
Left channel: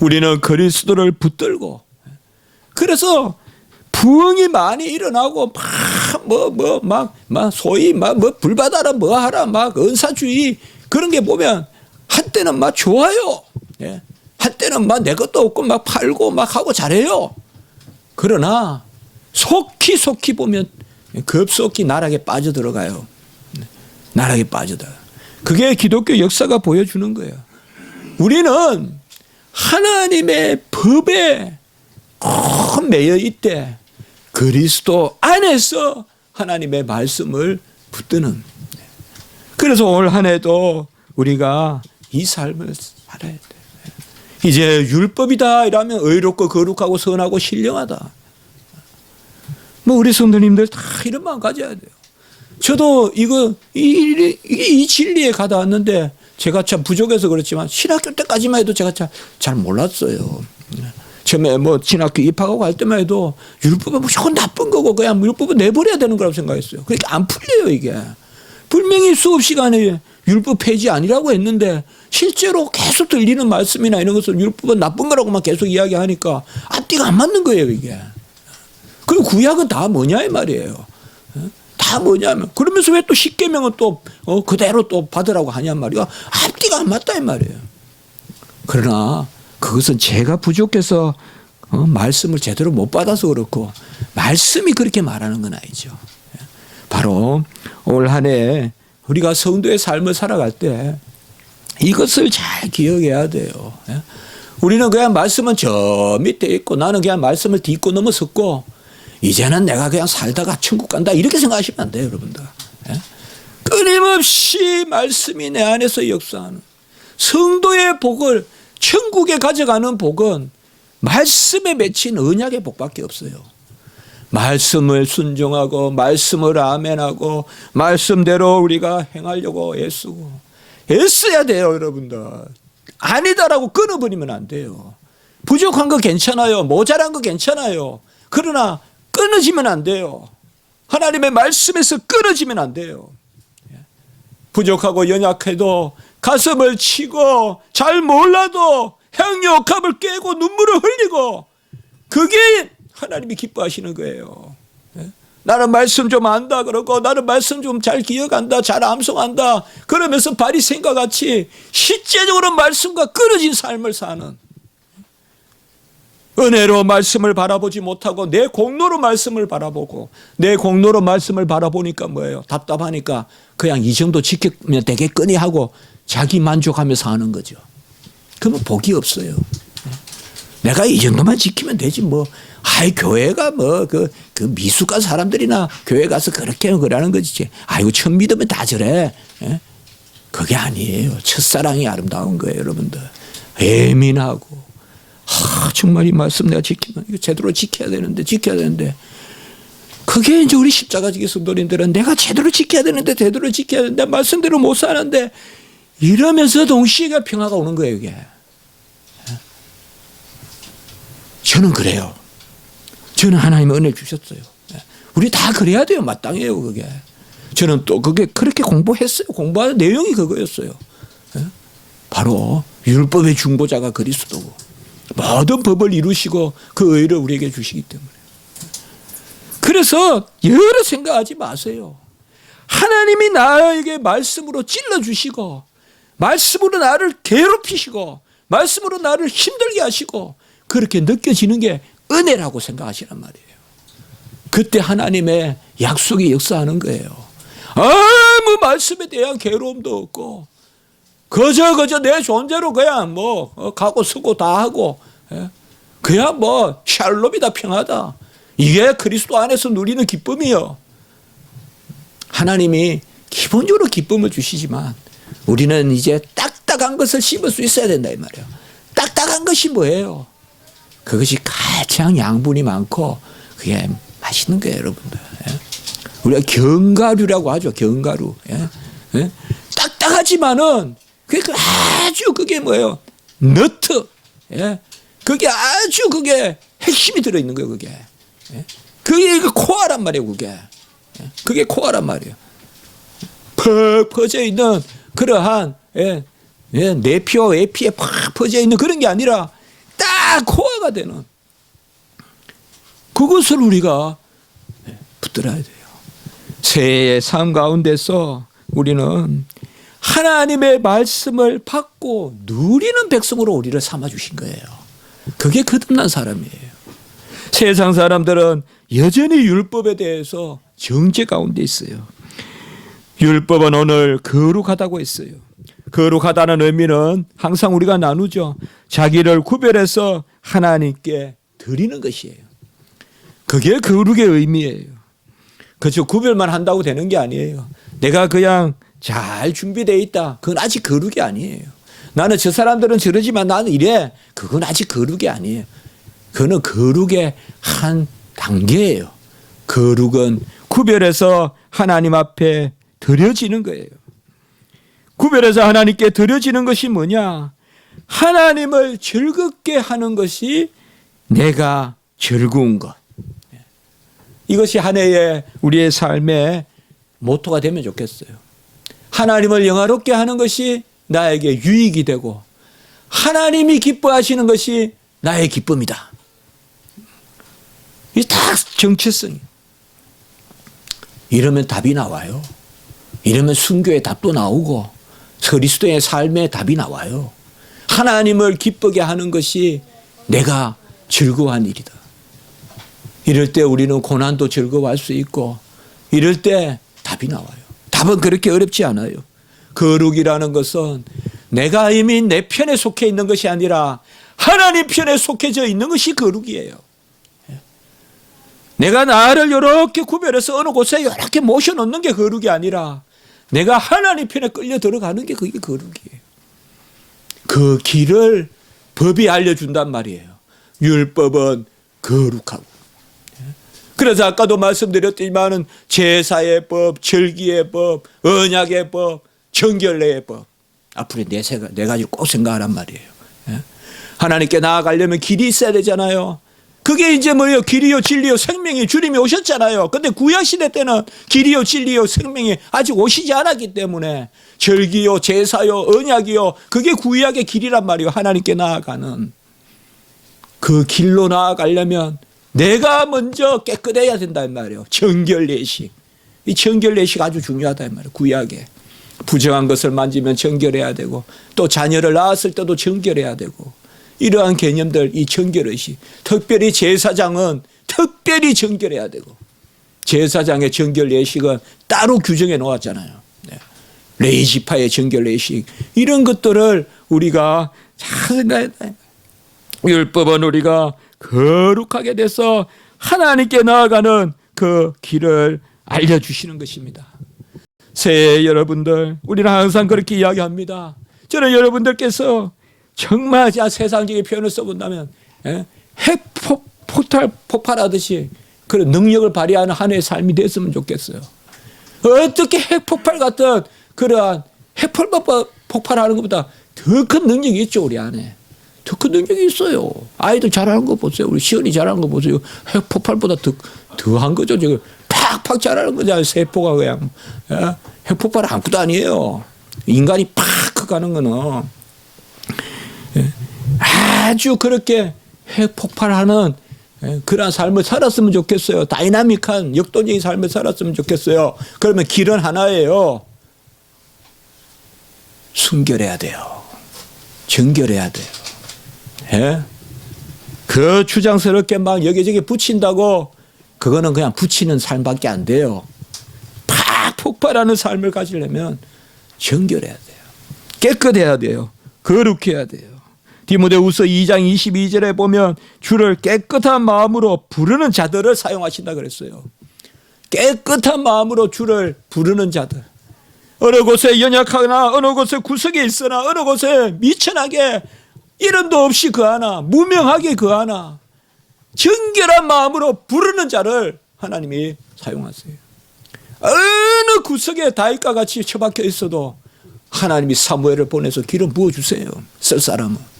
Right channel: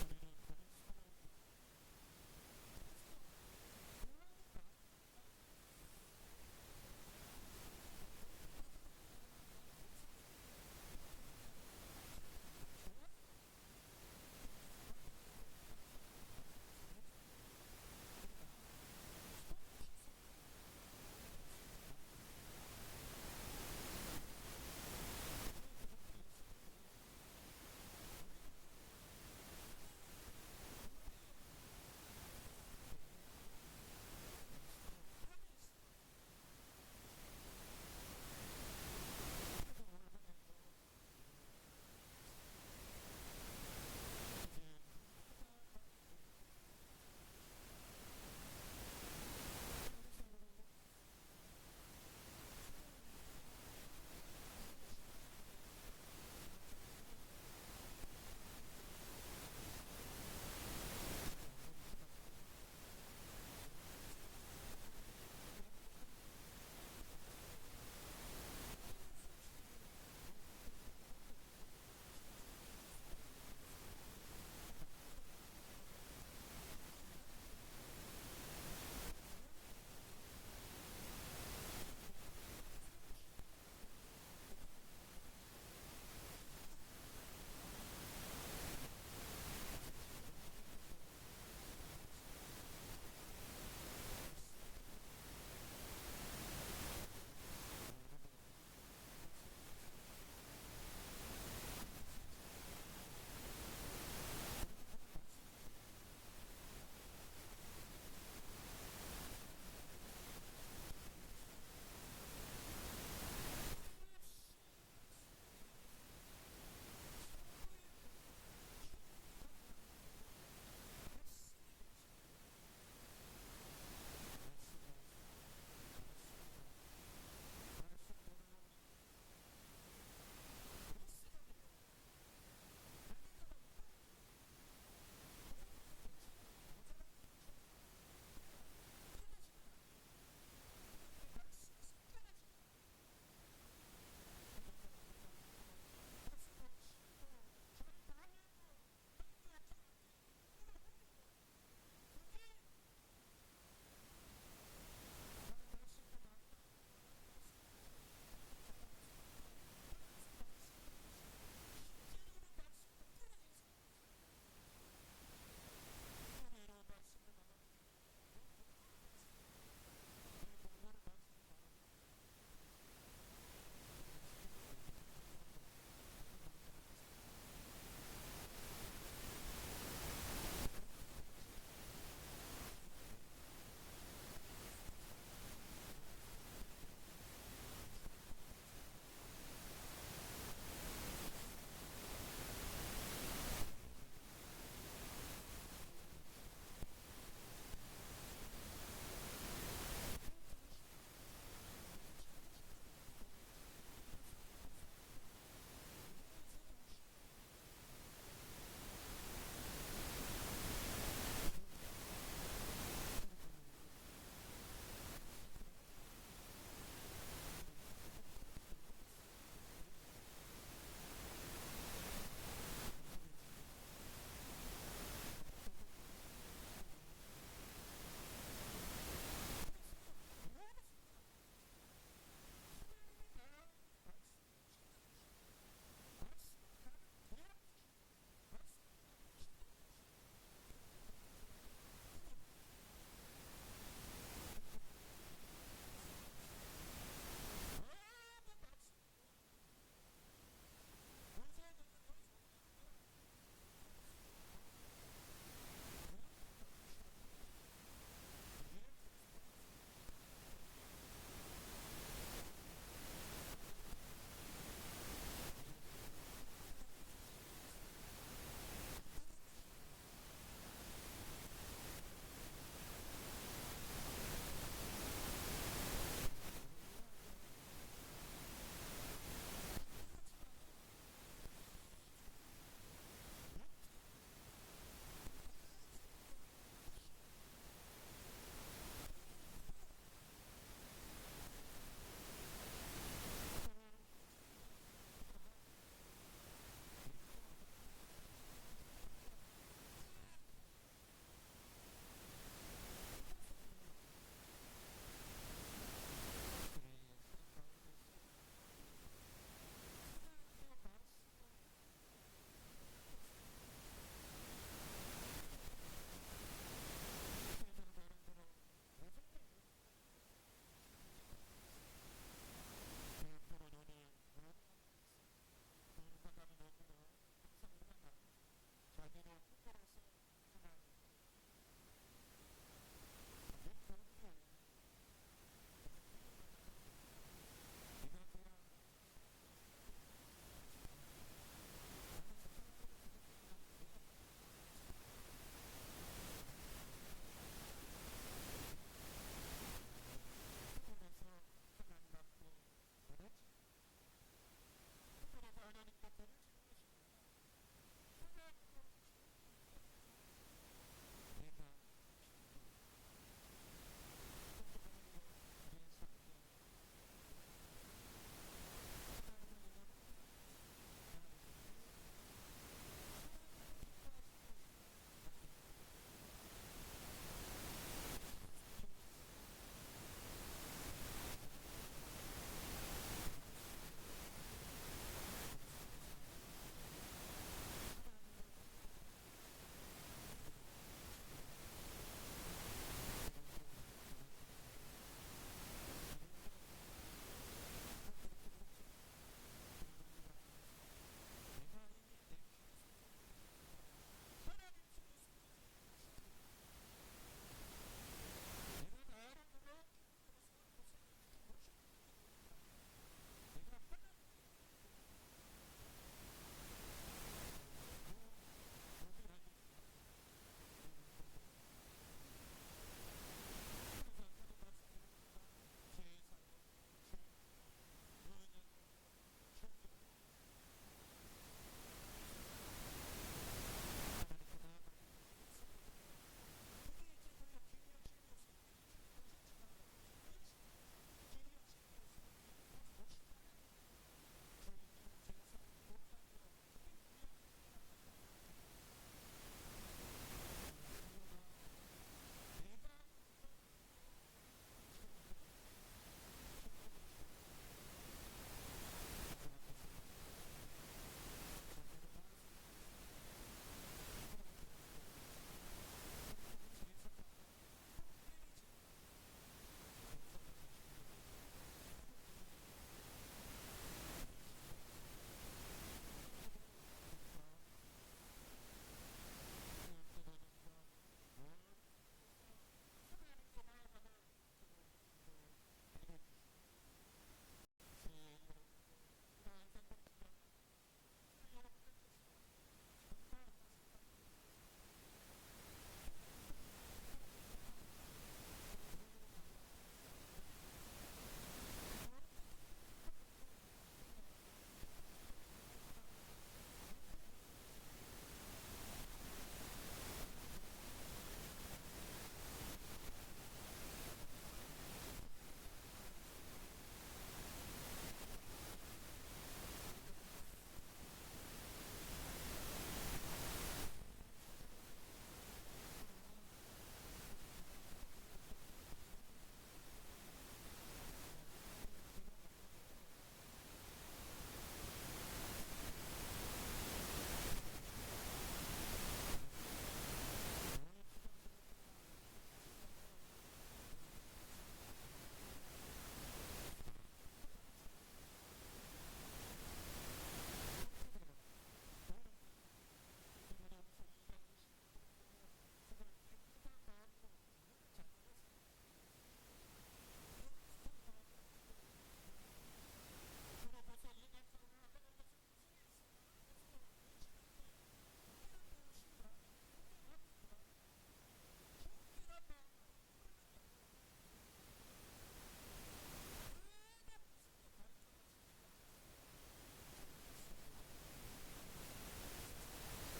우리는 그리스도를 붙들고 그래서 부흥이 많이 일어나고 막 소위 막 뭐 불받아라 뭐 하라 막 은사주의 그런 게 보면 한때는 막 좋아요. 예. 한때는 막 내 것도 없고 막 팔고 막 하고 잘해요. 그러나 속히 보면 급속히 나락에 빠져들어가요. 나락에 빠져들어요. 그게 기독교 역사가 보여주는 거예요. 우리는 하나님의 법에 꼭 매여 있대. 그리스도 안에서 하나님의 말씀을 붙드는. 그래서 올 한 해도 우리가 이 삶을 살아야 돼. 이제 율법이다 이러면 의롭고 거룩하고 선하고 신령하다. 뭐 우리 성도님들 다 이런 마음 가져야 돼요. 저도 이 진리에 가다 왔는데 제가 참 부족해서 그렇지만 신학교 때까지만 해도 제가 잘 몰랐어요. 처음에 뭐 신학교 입학하고 할 때만 해도 율법은 무조건 나쁜 거고 그냥 율법은 내버려야 되는 거라고 생각했어요. 그러니까 안 풀려요 이게. 분명히 수업 시간에 율법 폐지 아니라고 했는데 실제로 계속 들리는 말씀이나 이런 것은 율법은 나쁜 거라고만 계속 이야기하니까 앞뒤가 안 맞는 거예요 이게. 그리고 구약은 다 뭐냐 이 말이에요. 다 뭐냐면 그러면서 왜 또 십계명은 또 그대로 또 받으라고 하냔 말이야. 앞뒤가 안 맞다 이 말이에요. 그러나 그것은 제가 부족해서 말씀을 제대로 못 받아서 그렇고 말씀이 그렇게 말하는 건 아니죠. 바로 올 한 해 우리가 성도의 삶을 살아갈 때 이것을 잘 기억해야 돼요. 우리는 그냥 말씀은 저 밑에 있고 나는 그냥 말씀을 딛고 넘어섰고 이제는 내가 그냥 살다가 천국 간다 이렇게 생각하시면 안 돼요 여러분들. 끊임없이 말씀이 내 안에서 역사하는 성도의 복을 천국에 가져가는 복은 말씀에 맺힌 언약의 복밖에 없어요. 말씀을 순종하고 말씀을 아멘하고 말씀대로 우리가 행하려고 애써야 돼요 여러분들. 아니다라고 끊어버리면 안 돼요. 부족한 거 괜찮아요. 모자란 거 괜찮아요. 그러나 끊어지면 안 돼요. 하나님의 말씀에서 끊어지면 안 돼요. 부족하고 연약해도 가슴을 치고 잘 몰라도 향유옥합을 깨고 눈물을 흘리고 그게 하나님이 기뻐하시는 거예요. 나는 말씀 좀 안다 그러고 나는 말씀 좀 잘 기억한다, 잘 암송한다 그러면서 바리새인과 같이 실제적으로 말씀과 끊어진 삶을 사는, 은혜로 말씀을 바라보지 못하고 내 공로로 말씀을 바라보고, 내 공로로 말씀을 바라보니까 뭐예요? 답답하니까 그냥 이 정도 지키면 되겠거니 하고 자기 만족하면서 하는 거죠. 그러면 복이 없어요. 내가 이 정도만 지키면 되지 뭐. 아이 교회가 뭐 그 미숙한 사람들이나 교회 가서 그렇게 그러는 거지. 아이고 처음 믿으면 다 저래. 예? 그게 아니에요. 첫사랑이 아름다운 거예요, 여러분들. 예민하고 정말 이 말씀 내가 지키면 이거 제대로 지켜야 되는데 그게 이제 우리 십자가 지기 성도님들은 내가 제대로 지켜야 되는데 말씀대로 못 사는데 이러면서 동시에 평화가 오는 거예요, 이게. 저는 그래요. 저는 하나님의 은혜를 주셨어요. 우리 다 그래야 돼요. 마땅해요, 그게. 저는 또 그게 그렇게 공부했어요. 공부하는 내용이 그거였어요. 바로 율법의 중보자가 그리스도고 모든 법을 이루시고 그 의를 우리에게 주시기 때문에. 그래서 여러 생각하지 마세요. 하나님이 나에게 말씀으로 찔러주시고 말씀으로 나를 괴롭히시고 말씀으로 나를 힘들게 하시고 그렇게 느껴지는 게 은혜라고 생각하시란 말이에요. 그때 하나님의 약속이 역사하는 거예요. 아무 말씀에 대한 괴로움도 없고 그저 내 존재로 그냥 뭐 가고 서고 다 하고 그냥 뭐 샬롬이다, 평화다. 이게 그리스도 안에서 누리는 기쁨이요. 하나님이 기본적으로 기쁨을 주시지만 우리는 이제 딱딱한 것을 씹을 수 있어야 된다 이 말이에요. 딱딱한 것이 뭐예요? 그것이 가장 양분이 많고 그게 맛있는 거예요, 여러분들. 우리가 견과류라고 하죠. 견과류. 딱딱하지만은 그게 아주 그게 뭐예요? 너트. 그게 아주 그게 핵심이 들어있는 거예요, 그게. 그게 코어란 말이에요, 그게. 그게 코어란 말이에요. 퍽 퍼져 있는 그러한 내피와 외피에 팍 퍼져 있는 그런 게 아니라 딱 코어가 되는 그것을 우리가 붙들어야 돼요. 새해의 삶 가운데서 우리는 하나님의 말씀을 받고 누리는 백성으로 우리를 삼아주신 거예요. 그게 거듭난 사람이에요. 세상 사람들은 여전히 율법에 대해서 정죄 가운데 있어요. 율법은 오늘 거룩하다고 했어요. 거룩하다는 의미는 항상 우리가 나누죠. 자기를 구별해서 하나님께 드리는 것이에요. 그게 거룩의 의미예요. 그렇죠. 구별만 한다고 되는 게 아니에요. 내가 그냥 잘 준비되어 있다. 그건 아직 거룩이 아니에요. 나는 저 사람들은 저러지만 나는 이래. 그건 아직 거룩이 아니에요. 그거는 거룩의 한 단계예요. 거룩은 구별해서 하나님 앞에 드려지는 거예요. 구별해서 하나님께 드려지는 것이 뭐냐? 하나님을 즐겁게 하는 것이 내가 즐거운 것. 이것이 한 해의 우리의 삶의 모토가 되면 좋겠어요. 하나님을 영화롭게 하는 것이 나에게 유익이 되고 하나님이 기뻐하시는 것이 나의 기쁨이다. 이게 다 정체성이에요. 이러면 답이 나와요. 이러면 순교의 답도 나오고 그리스도의 삶의 답이 나와요. 하나님을 기쁘게 하는 것이 내가 즐거워한 일이다. 이럴 때 우리는 고난도 즐거워할 수 있고 이럴 때 답이 나와요. 답은 그렇게 어렵지 않아요. 거룩이라는 것은 내가 이미 내 편에 속해 있는 것이 아니라 하나님 편에 속해져 있는 것이 거룩이에요. 내가 나를 이렇게 구별해서 어느 곳에 이렇게 모셔놓는 게 거룩이 아니라 내가 하나님 편에 끌려 들어가는 게 그게 거룩이에요. 그 길을 법이 알려준단 말이에요. 율법은 거룩하고. 그래서 아까도 말씀드렸지만은 제사의 법, 절기의 법, 언약의 법, 정결례의 법. 앞으로 네 가지를 꼭 생각하란 말이에요. 하나님께 나아가려면 길이 있어야 되잖아요. 그게 이제 뭐예요? 길이요, 진리요, 생명이 주님이 오셨잖아요. 근데 구약시대 때는 길이요, 진리요, 생명이 아직 오시지 않았기 때문에 절기요, 제사요, 언약이요, 그게 구약의 길이란 말이에요. 하나님께 나아가는. 그 길로 나아가려면 내가 먼저 깨끗해야 된단 말이에요. 정결례식. 이 정결례식 아주 중요하단 말이에요. 구약에. 부정한 것을 만지면 정결해야 되고 또 자녀를 낳았을 때도 정결해야 되고 이러한 개념들 이 정결의식. 특별히 제사장은 특별히 정결해야 되고 제사장의 정결례식은 따로 규정해 놓았잖아요. 네. 레위 지파의 정결례식 이런 것들을 우리가 잘 생각해야 돼요. 율법은 우리가 거룩하게 돼서 하나님께 나아가는 그 길을 알려주시는 것입니다. 새해 여러분들 우리는 항상 그렇게 이야기합니다. 저는 여러분들께서 정말 세상적인 표현을 써본다면 핵 폭발하듯이 그런 능력을 발휘하는 한 해의 삶이 됐으면 좋겠어요. 어떻게 핵폭발 같은 그러한 핵폭발하는 것보다 더 큰 능력이 있죠. 우리 안에 더 큰 능력이 있어요. 아이들 잘하는 거 보세요. 우리 시연이 잘하는 거 보세요. 핵폭발보다 더한 거죠. 지금 팍팍 잘하는 거잖아요. 세포가 그냥 핵폭발 아무것도 아니에요. 인간이 팍 가는 거는 아주 그렇게 핵폭발하는 그런 삶을 살았으면 좋겠어요. 다이나믹한 역동적인 삶을 살았으면 좋겠어요. 그러면 길은 하나예요. 순결해야 돼요. 정결해야 돼요. 예? 그 주장스럽게 막 여기저기 붙인다고 그거는 그냥 붙이는 삶밖에 안 돼요. 팍 폭발하는 삶을 가지려면 정결해야 돼요. 깨끗해야 돼요. 거룩해야 돼요. 디모데후서 2장 22절에 보면 주를 깨끗한 마음으로 부르는 자들을 사용하신다 그랬어요. 깨끗한 마음으로 주를 부르는 자들. 어느 곳에 연약하거나 어느 곳에 구석에 있으나 어느 곳에 미천하게 이름도 없이 거하나 무명하게 거하나 정결한 마음으로 부르는 자를 하나님이 사용하세요. 어느 구석에 다윗과 같이 처박혀 있어도 하나님이 사무엘을 보내서 기름 부어주세요. 쓸 사람은.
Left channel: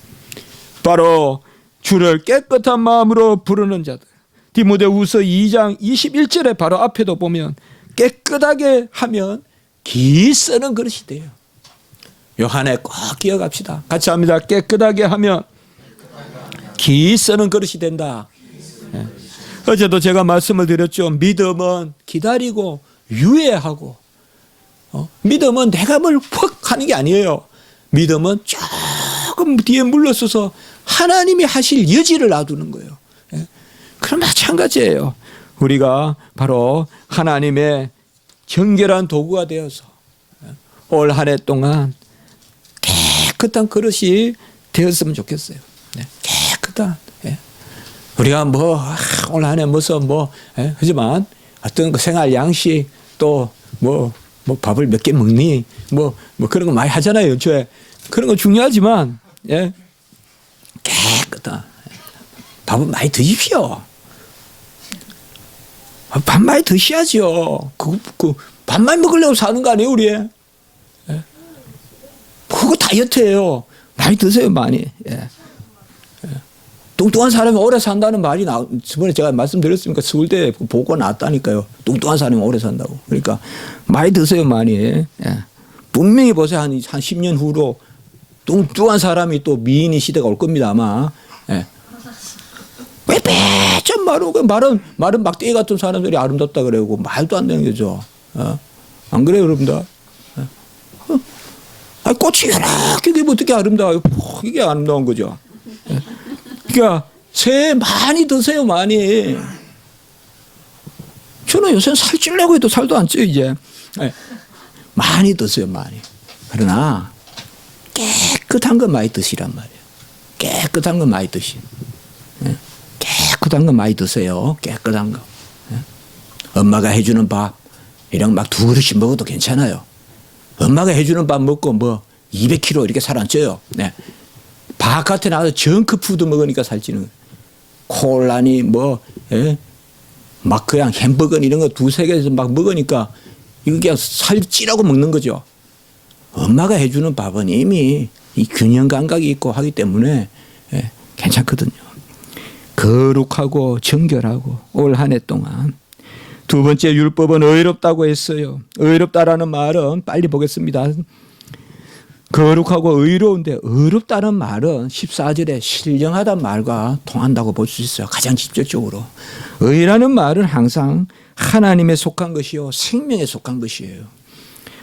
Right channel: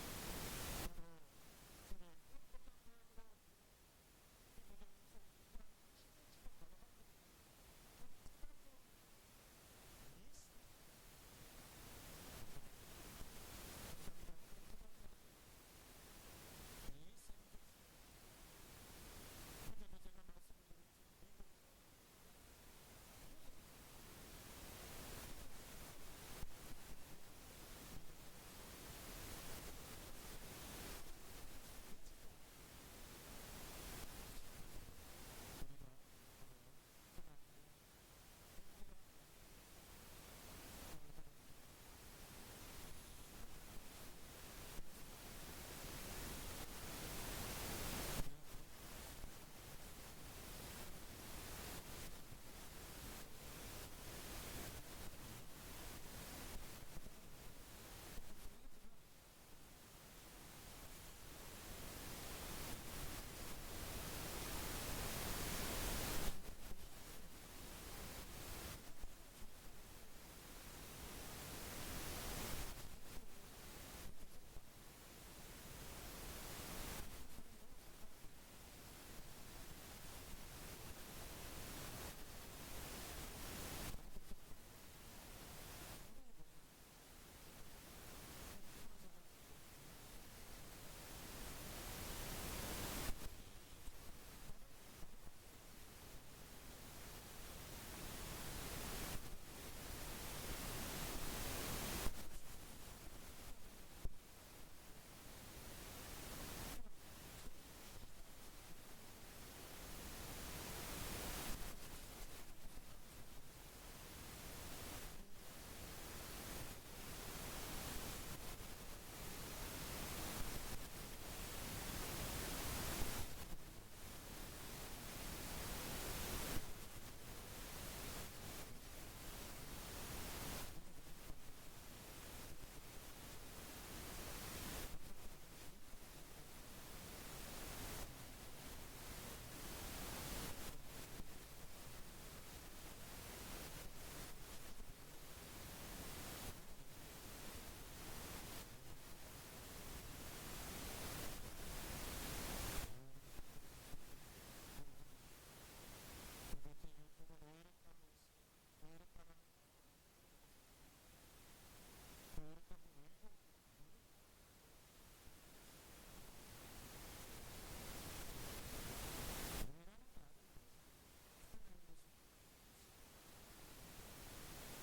바로 주를 깨끗한 마음으로 부르는 자들. 디모데후서 2장 21절에 바로 앞에도 보면 깨끗하게 하면 기 쓰는 그릇이 돼요. 요 한 해 꼭 기억합시다. 같이 합니다. 깨끗하게 하면 기 쓰는 그릇이 된다. 네. 어제도 제가 말씀을 드렸죠. 믿음은 기다리고 유예하고 믿음은 내가 뭘 퍽 하는 게 아니에요. 믿음은 조금 뒤에 물러서서 하나님이 하실 여지를 놔두는 거예요. 예? 그럼 마찬가지예요. 우리가 바로 하나님의 정결한 도구가 되어서 올 한 해 동안 깨끗한 그릇이 되었으면 좋겠어요. 네. 깨끗한. 예? 우리가 올 한 해 무슨 하지만 어떤 그 생활 양식 또 밥을 몇 개 먹니 그런 거 많이 하잖아요. 연초에 그런 거 중요하지만 예? 깨끗한 밥은 많이 드십시오. 밥 많이 드셔야죠. 그 밥만 먹으려고 사는 거 아니에요, 우리? 예? 그거 다이어트예요. 많이 드세요, 많이. 예. 뚱뚱한 사람이 오래 산다는 말이 저번에 제가 말씀드렸으니까 서울대 보고 나왔다니까요. 뚱뚱한 사람이 오래 산다고. 그러니까 많이 드세요, 많이. 예. 분명히 보세요, 한 10년 후로 뚱뚱한 사람이 또 미인의 시대가 올 겁니다, 아마. 예. 왜 빼좀 마른 막대기 같은 사람들이 아름답다 그러고 말도 안 되는 거죠. 안 그래요, 여러분들? 꽃이 이렇게 되면 어떻게 아름다워요? 이게 아름다운 거죠. 그러니까 새해 많이 드세요, 많이. 저는 요새 살찌려고 해도 살도 안 쪄요, 이제. 많이 드세요, 많이. 그러나 깨끗한 거 많이 드시란 말이에요. 깨끗한 거 많이 드시. 깨끗한 거 많이 드세요. 깨끗한 거. 엄마가 해주는 밥 이런 막 2그릇씩 먹어도 괜찮아요. 엄마가 해주는 밥 먹고 200kg 이렇게 살 안 쪄요. 네. 바깥에 나가서 정크푸드 먹으니까 살찌는 콜라니 막 그냥 햄버거 이런 거 2-3개에서 막 먹으니까 이거 그냥 살찌라고 먹는 거죠. 엄마가 해주는 밥은 이미 이 균형 감각이 있고 하기 때문에 괜찮거든요. 거룩하고 정결하고 올 한 해 동안. 두 번째 율법은 의롭다고 했어요. 의롭다라는 말은 빨리 보겠습니다. 거룩하고 의로운데 의롭다는 말은 14절에 신령하다는 말과 통한다고 볼 수 있어요. 가장 직접적으로. 의라는 말은 항상 하나님에 속한 것이요 생명에 속한 것이에요.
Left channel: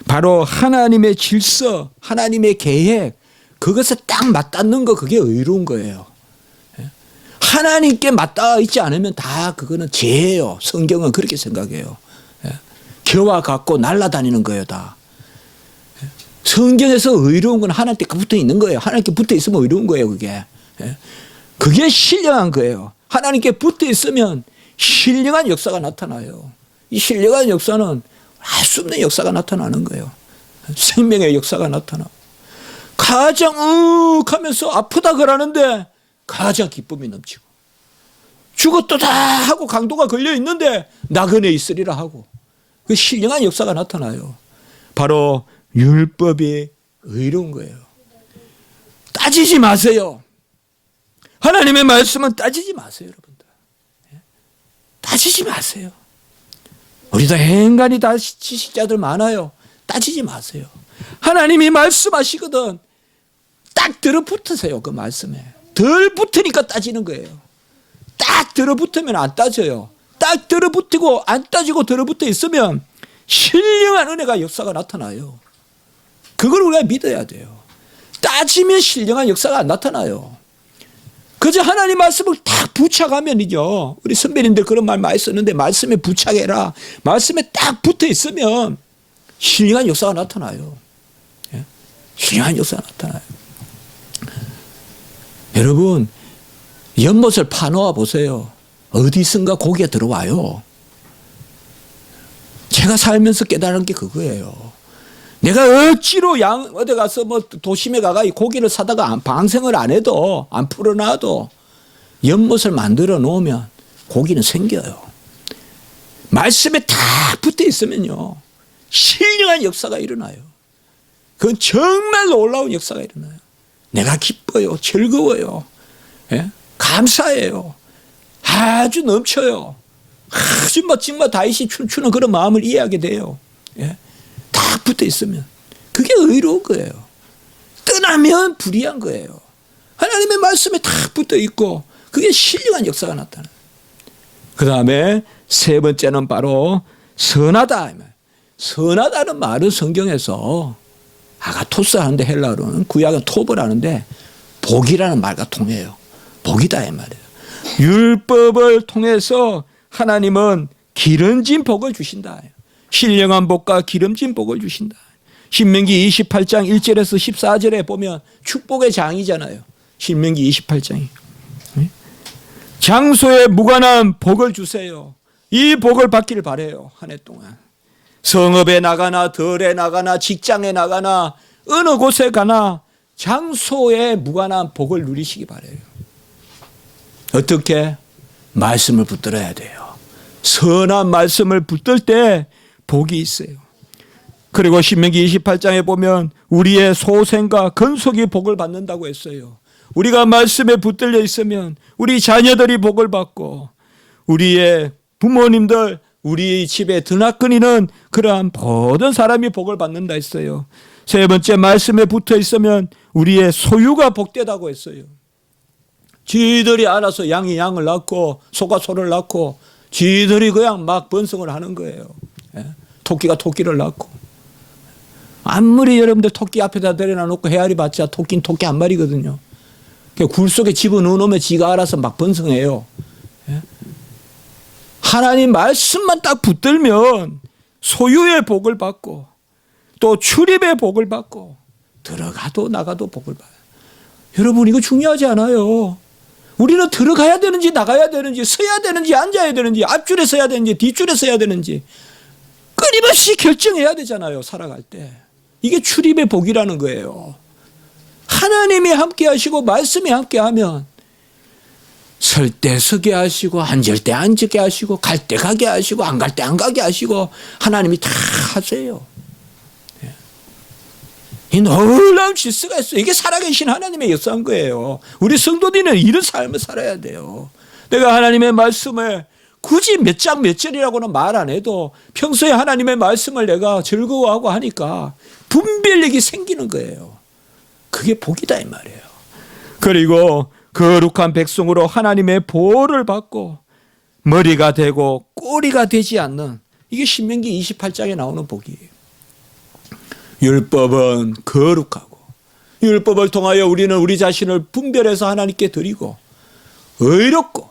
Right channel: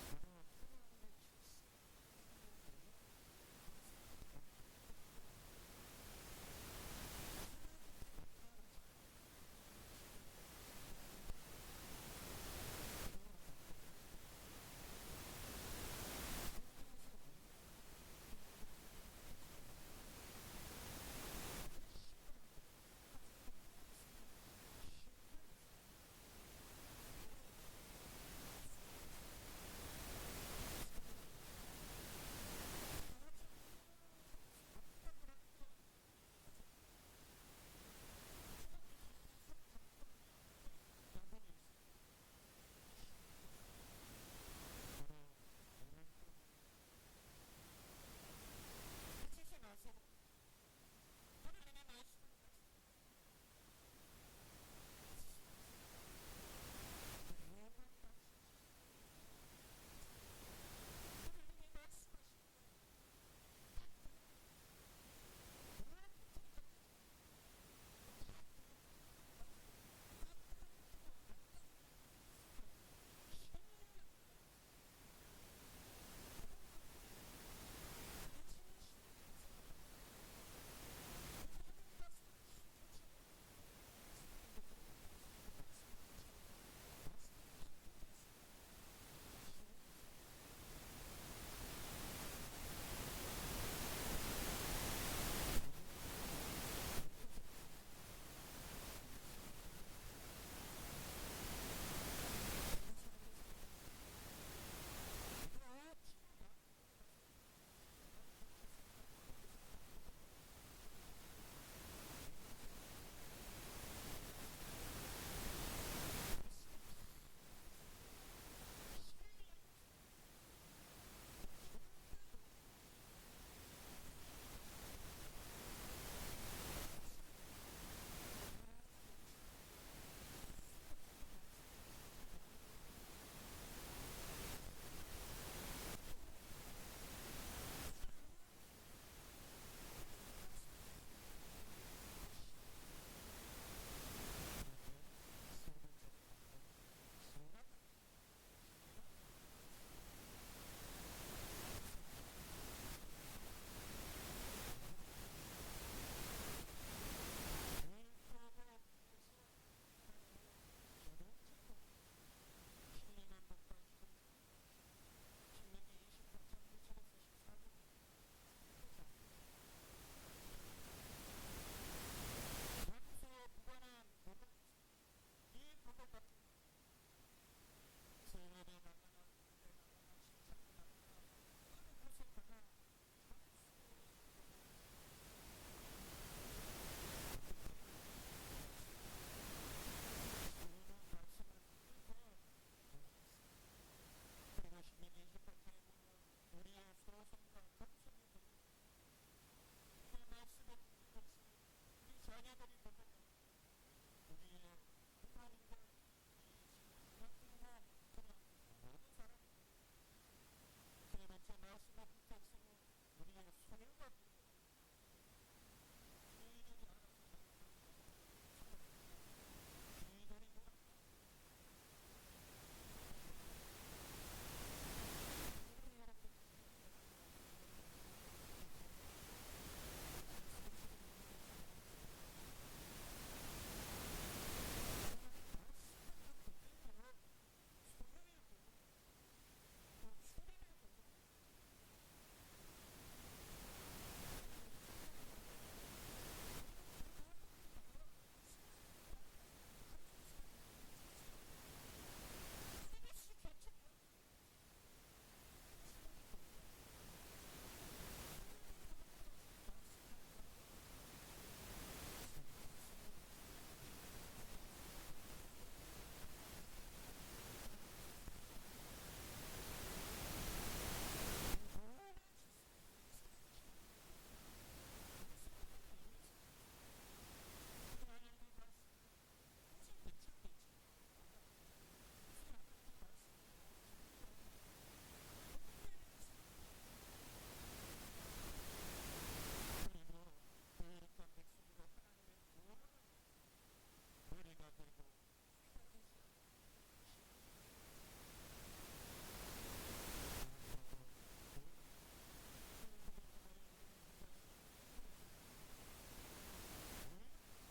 바로 하나님의 질서, 하나님의 계획, 그것에 딱 맞닿는 거, 그게 의로운 거예요. 하나님께 맞닿아 있지 않으면 다 그거는 죄예요. 성경은 그렇게 생각해요. 겨와 같고 날아다니는 거예요, 다. 성경에서 의로운 건 하나님께 붙어 있는 거예요. 하나님께 붙어 있으면 의로운 거예요, 그게. 그게 신령한 거예요. 하나님께 붙어 있으면 신령한 역사가 나타나요. 이 신령한 역사는 알 수 없는 역사가 나타나는 거예요. 생명의 역사가 나타나. 가장 하면서 아프다 그러는데 가장 기쁨이 넘치고, 죽었도다 하고 강도가 걸려 있는데 나그네 있으리라 하고, 그 신령한 역사가 나타나요. 바로 율법이 의로운 거예요. 따지지 마세요. 하나님의 말씀은 따지지 마세요, 여러분들. 따지지 마세요. 우리도 인간이 다 지식자들 많아요. 따지지 마세요. 하나님이 말씀하시거든 딱 들어붙으세요. 그 말씀에 덜 붙으니까 따지는 거예요. 딱 들어붙으면 안 따져요. 딱 들어붙고 안 따지고 들어붙어 있으면 신령한 은혜가 역사가 나타나요. 그걸 우리가 믿어야 돼요. 따지면 신령한 역사가 안 나타나요. 그저 하나님 말씀을 딱 부착하면이죠. 우리 선배님들 그런 말 많이 썼는데, 말씀에 부착해라. 말씀에 딱 붙어 있으면 신령한 역사가 나타나요. 신령한 역사가 나타나요. 여러분, 연못을 파놓아 보세요. 어디선가 고기가 들어와요. 제가 살면서 깨달은 게 그거예요. 내가 억지로 어디 가서 뭐 도심에 가가 고기를 사다가 방생을 안 해도, 안 풀어놔도 연못을 만들어 놓으면 고기는 생겨요. 말씀에 다 붙어 있으면요, 신령한 역사가 일어나요. 그건 정말 놀라운 역사가 일어나요. 내가 기뻐요. 즐거워요. 예? 감사해요. 아주 넘쳐요. 아주 정말 다윗이 춤추는 그런 마음을 이해하게 돼요. 예? 딱 붙어 있으면 그게 의로운 거예요. 떠나면 불의한 거예요. 하나님의 말씀에 딱 붙어 있고 그게 신령한 역사가 나타나요. 그 다음에 세 번째는 바로 선하다. 선하다는 말은 성경에서 아가토스 하는데, 헬라어로는 구약은 톱을 하는데 복이라는 말과 통해요. 복이다 이 말이에요. 율법을 통해서 하나님은 기름진 복을 주신다. 신령한 복과 기름진 복을 주신다. 신명기 28장 1절에서 14절에 보면 축복의 장이잖아요. 신명기 28장이. 장소에 무관한 복을 주세요. 이 복을 받기를 바라요. 한 해 동안. 성읍에 나가나 덜에 나가나 직장에 나가나 어느 곳에 가나 장소에 무관한 복을 누리시기 바라요. 어떻게? 말씀을 붙들어야 돼요. 선한 말씀을 붙들 때 복이 있어요. 그리고 신명기 28장에 보면 우리의 소생과 건속이 복을 받는다고 했어요. 우리가 말씀에 붙들려 있으면 우리 자녀들이 복을 받고 우리의 부모님들, 우리 집에 드나거니는 그러한 모든 사람이 복을 받는다 했어요. 세 번째, 말씀에 붙어 있으면 우리의 소유가 복되다고 했어요. 쥐들이 알아서 양이 양을 낳고 소가 소를 낳고 쥐들이 그냥 막 번성을 하는 거예요. 토끼가 토끼를 낳고. 아무리 여러분들 토끼 앞에다 내려놓고 헤아리 봤자 토끼는 토끼 한 마리거든요. 굴 속에 집어넣어 놓으면 지가 알아서 막 번성해요. 하나님 말씀만 딱 붙들면 소유의 복을 받고 또 출입의 복을 받고 들어가도 나가도 복을 받아요. 여러분, 이거 중요하지 않아요? 우리는 들어가야 되는지 나가야 되는지 서야 되는지 앉아야 되는지 앞줄에 서야 되는지 뒷줄에 서야 되는지 끊임없이 결정해야 되잖아요. 살아갈 때. 이게 출입의 복이라는 거예요. 하나님이 함께 하시고 말씀이 함께 하면 설 때 서게 하시고 앉을 때 앉게 하시고 갈 때 가게 하시고 안 갈 때 안 가게 하시고 하나님이 다 하세요. 이 놀라운 질서가 있어요. 이게 살아계신 하나님의 역사인 거예요. 우리 성도들은 이런 삶을 살아야 돼요. 내가 하나님의 말씀을 굳이 몇 장 몇 절이라고는 말 안 해도 평소에 하나님의 말씀을 내가 즐거워하고 하니까 분별력이 생기는 거예요. 그게 복이다 이 말이에요. 그리고 거룩한 백성으로 하나님의 보호를 받고 머리가 되고 꼬리가 되지 않는, 이게 신명기 28장에 나오는 복이에요. 율법은 거룩하고 율법을 통하여 우리는 우리 자신을 분별해서 하나님께 드리고 의롭고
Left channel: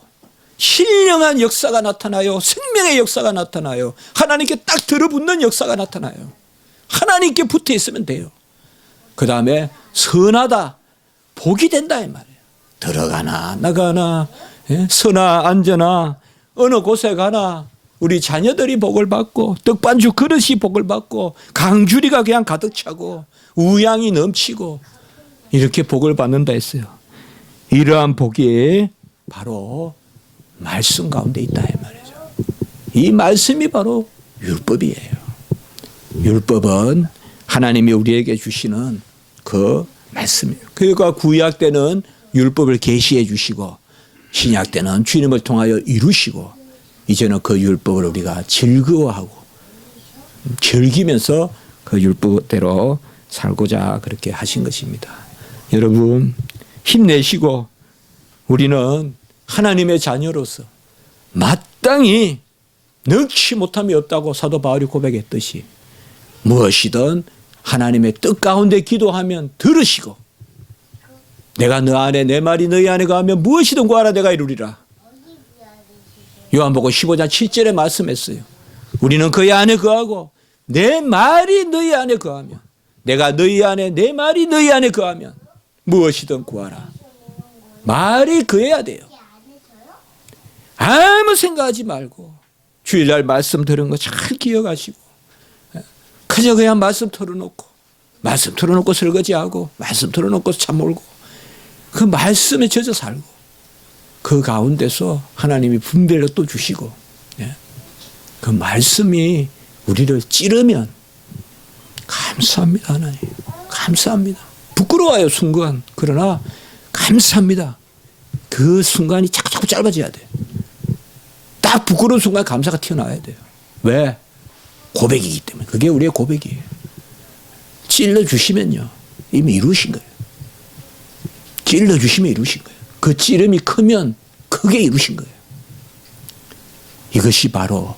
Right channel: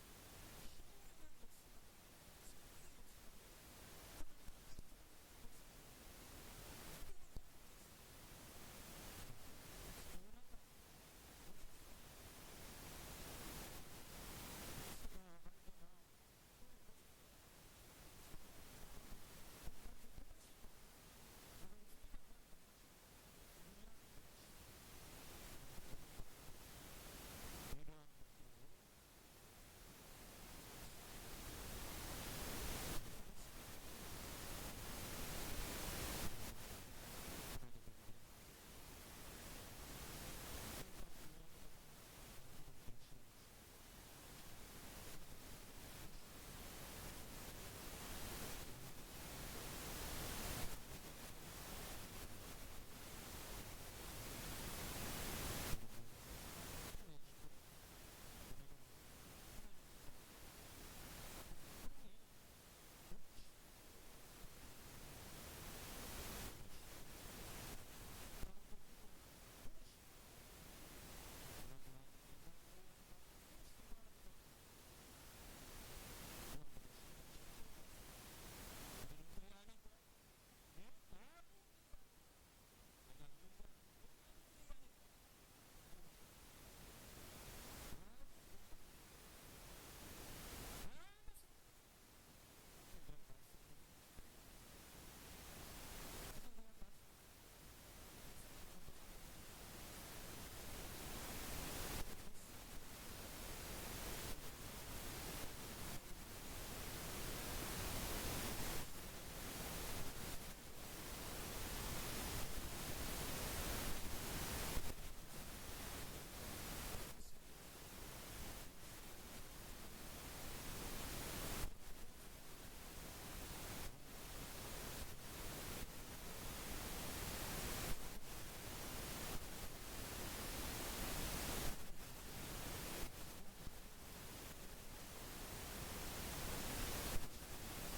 신령한 역사가 나타나요. 생명의 역사가 나타나요. 하나님께 딱 들어붙는 역사가 나타나요. 하나님께 붙어 있으면 돼요. 그 다음에 선하다, 복이 된다 이 말이에요. 들어가나 나가나, 서나 앉으나 어느 곳에 가나 우리 자녀들이 복을 받고 떡반죽 그릇이 복을 받고 강주리가 그냥 가득 차고 우양이 넘치고 이렇게 복을 받는다 했어요. 이러한 복이 바로 말씀 가운데 있다 이 말이죠. 이 말씀이 바로 율법이에요. 율법은 하나님이 우리에게 주시는 그 말씀이에요. 그러니까 구약 때는 율법을 계시해 주시고 신약 때는 주님을 통하여 이루시고 이제는 그 율법을 우리가 즐거워하고 즐기면서 그 율법대로 살고자 그렇게 하신 것입니다. 여러분 힘내시고 우리는 하나님의 자녀로서 마땅히 능치 못함이 없다고 사도 바울이 고백했듯이 무엇이든 하나님의 뜻 가운데 기도하면 들으시고 내가 너 안에 내 말이 너희 안에 거하면 무엇이든 구하라 내가 이루리라. 요한복음 15장 7절에 말씀했어요. 우리는 그의 안에 거하고 내 말이 너희 안에 거하면 내가 너희 안에 내 말이 너희 안에 거하면 무엇이든 구하라. 말이 거해야 돼요. 아무 생각하지 말고 주일날 말씀 들은 거 잘 기억하시고 그저 그냥 말씀 틀어놓고 설거지하고 말씀 틀어놓고 참 몰고 그 말씀에 젖어 살고 그 가운데서 하나님이 분별로 또 주시고 그 말씀이 우리를 찌르면 감사합니다. 하나님 감사합니다. 부끄러워요 순간. 그러나 감사합니다. 그 순간이 자꾸 짧아져야 돼요. 딱 부끄러운 순간 감사가 튀어나와야 돼요. 왜? 고백이기 때문에. 그게 우리의 고백이에요. 찔러주시면요 이미 이루신 거예요. 찔러주시면 이루신 거예요. 그 찌름이 크면 크게 이루신 거예요. 이것이 바로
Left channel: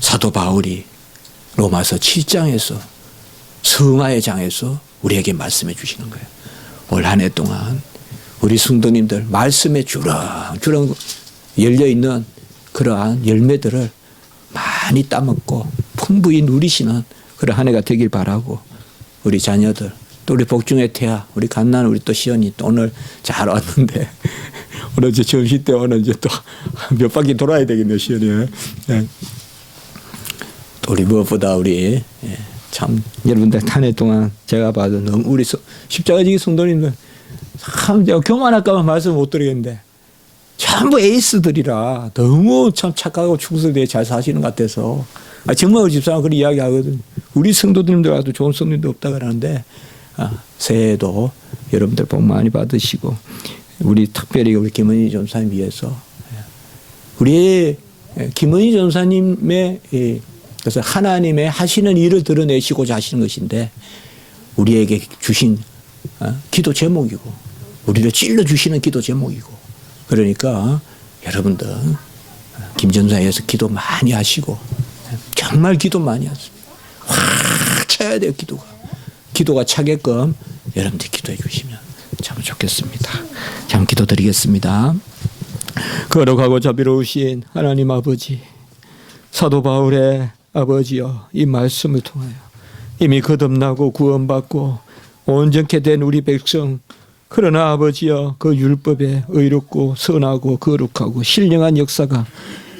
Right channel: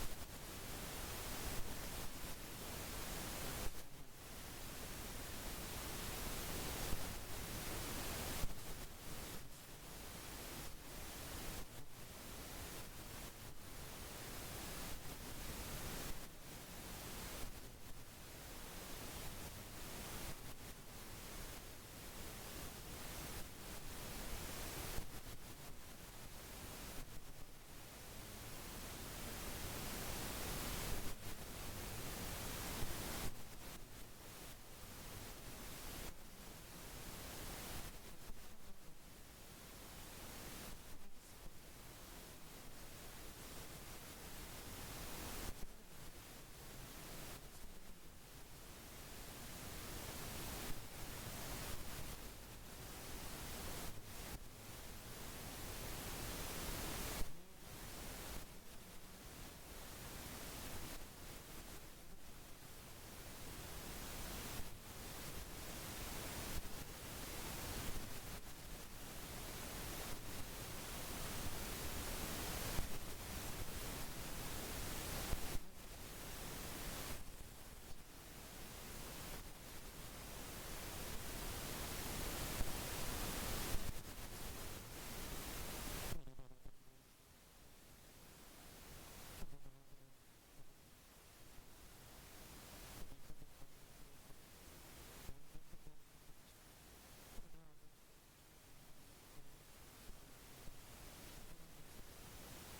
사도 바울이 로마서 7장에서 성화의 장에서 우리에게 말씀해 주시는 거예요. 올 한 해 동안 우리 성도님들 말씀에 주렁주렁 열려있는 그러한 열매들을 많이 따먹고 풍부히 누리시는 그런 한 해가 되길 바라고 우리 자녀들 또 우리 복중의 태아 우리 갓난 우리 또 시연이 또 오늘 잘 왔는데 오늘 이제 점심 때 오늘 이제 또 몇 바퀴 돌아야 되겠네요 시연이. 또 우리 무엇보다 우리 참 여러분들 한 해 동안 제가 봐도 너무 우리 십자가지기 성도님들 참 제가 교만할까봐 말씀 못 드리겠는데 전부 에이스들이라 너무 참 착하고 충성되게 잘 사시는 것 같아서 정말 우리 집사람 그런 이야기 하거든요. 우리 성도님들 와도 좋은 성도님도 없다 그러는데 새해에도 여러분들 복 많이 받으시고 우리 특별히 우리 김은희 전사님 위해서 우리 김은희 전사님의 그래서 하나님의 하시는 일을 드러내시고자 하시는 것인데 우리에게 주신 기도 제목이고 우리를 찔러주시는 기도 제목이고 그러니까 여러분들 김 전사에 의해서 기도 많이 하시고 정말 기도 많이 하세요. 확 차야 돼요 기도가 차게끔 여러분들 기도해 주시면 참 좋겠습니다. 참 기도드리겠습니다. 거룩하고 자비로우신 하나님 아버지 사도 바울의 아버지여 이 말씀을 통하여 이미 거듭나고 구원받고 온전케 된 우리 백성 그러나 아버지여 그 율법에 의롭고 선하고 거룩하고 신령한 역사가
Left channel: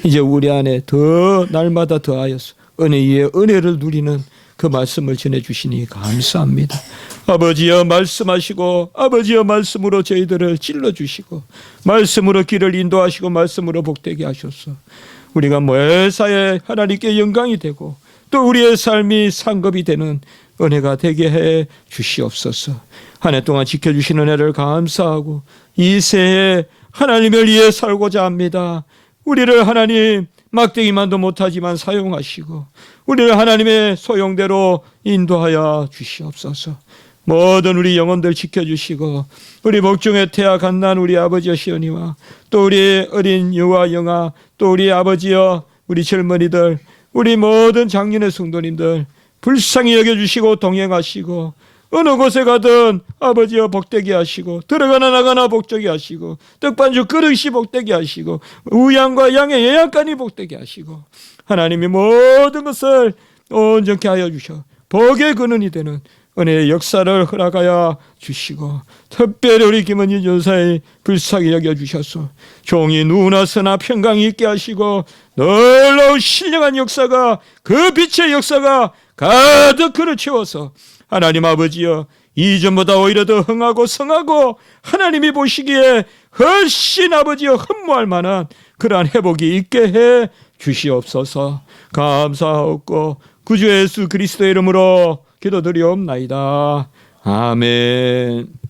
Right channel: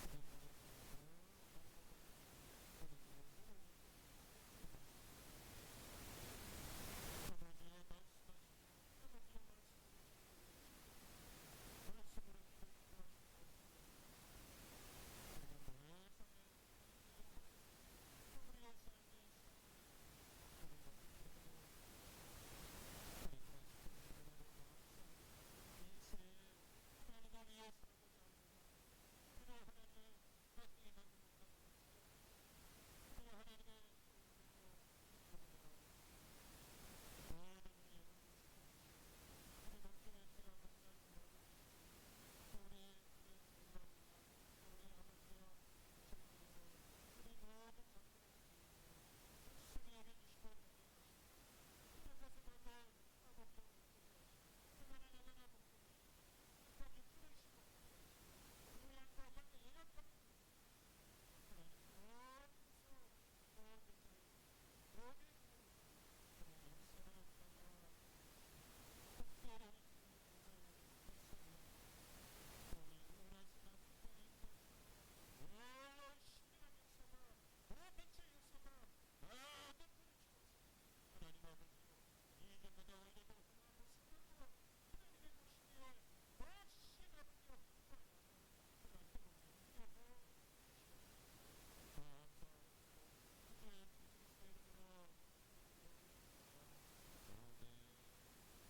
이제 우리 안에 더 날마다 더하여서 은혜 위에 은혜를 누리는 그 말씀을 전해주시니 감사합니다. 아버지여 말씀하시고 아버지여 말씀으로 저희들을 찔러주시고 말씀으로 길을 인도하시고 말씀으로 복되게 하셔서 우리가 매사에 하나님께 영광이 되고 또 우리의 삶이 상급이 되는 은혜가 되게 해 주시옵소서. 한 해 동안 지켜주시는 은혜를 감사하고 이 새해 하나님을 위해 살고자 합니다. 우리를 하나님 막대기만도 못하지만 사용하시고 우리를 하나님의 소용대로 인도하여 주시옵소서. 모든 우리 영혼들 지켜주시고 우리 목중에 태약한 난 우리 아버지여 시온이와 또 우리 어린 유아 영아 또 우리 아버지여 우리 젊은이들 우리 모든 장년의 성도님들 불쌍히 여겨주시고 동행하시고 어느 곳에 가든 아버지여 복되게 하시고 들어가나 나가나 복되게 하시고 떡반죽 그릇이 복되게 하시고 우양과 양의 예약간이 복되게 하시고 하나님이 모든 것을 온전케 하여 주셔 복의 근원이 되는 은혜의 역사를 허락하여 주시고 특별히 우리 김은희 전사의 불쌍히 여겨주셔서 종이 누구나 서나 평강이 있게 하시고 놀라운 신령한 역사가 그 빛의 역사가 가득 그를 채워서 하나님 아버지여 이전보다 오히려 더 흥하고 성하고 하나님이 보시기에 훨씬 아버지여 흠모할 만한 그러한 회복이 있게 해 주시옵소서. 감사하옵고 구주 예수 그리스도의 이름으로 기도드리옵나이다. 아멘.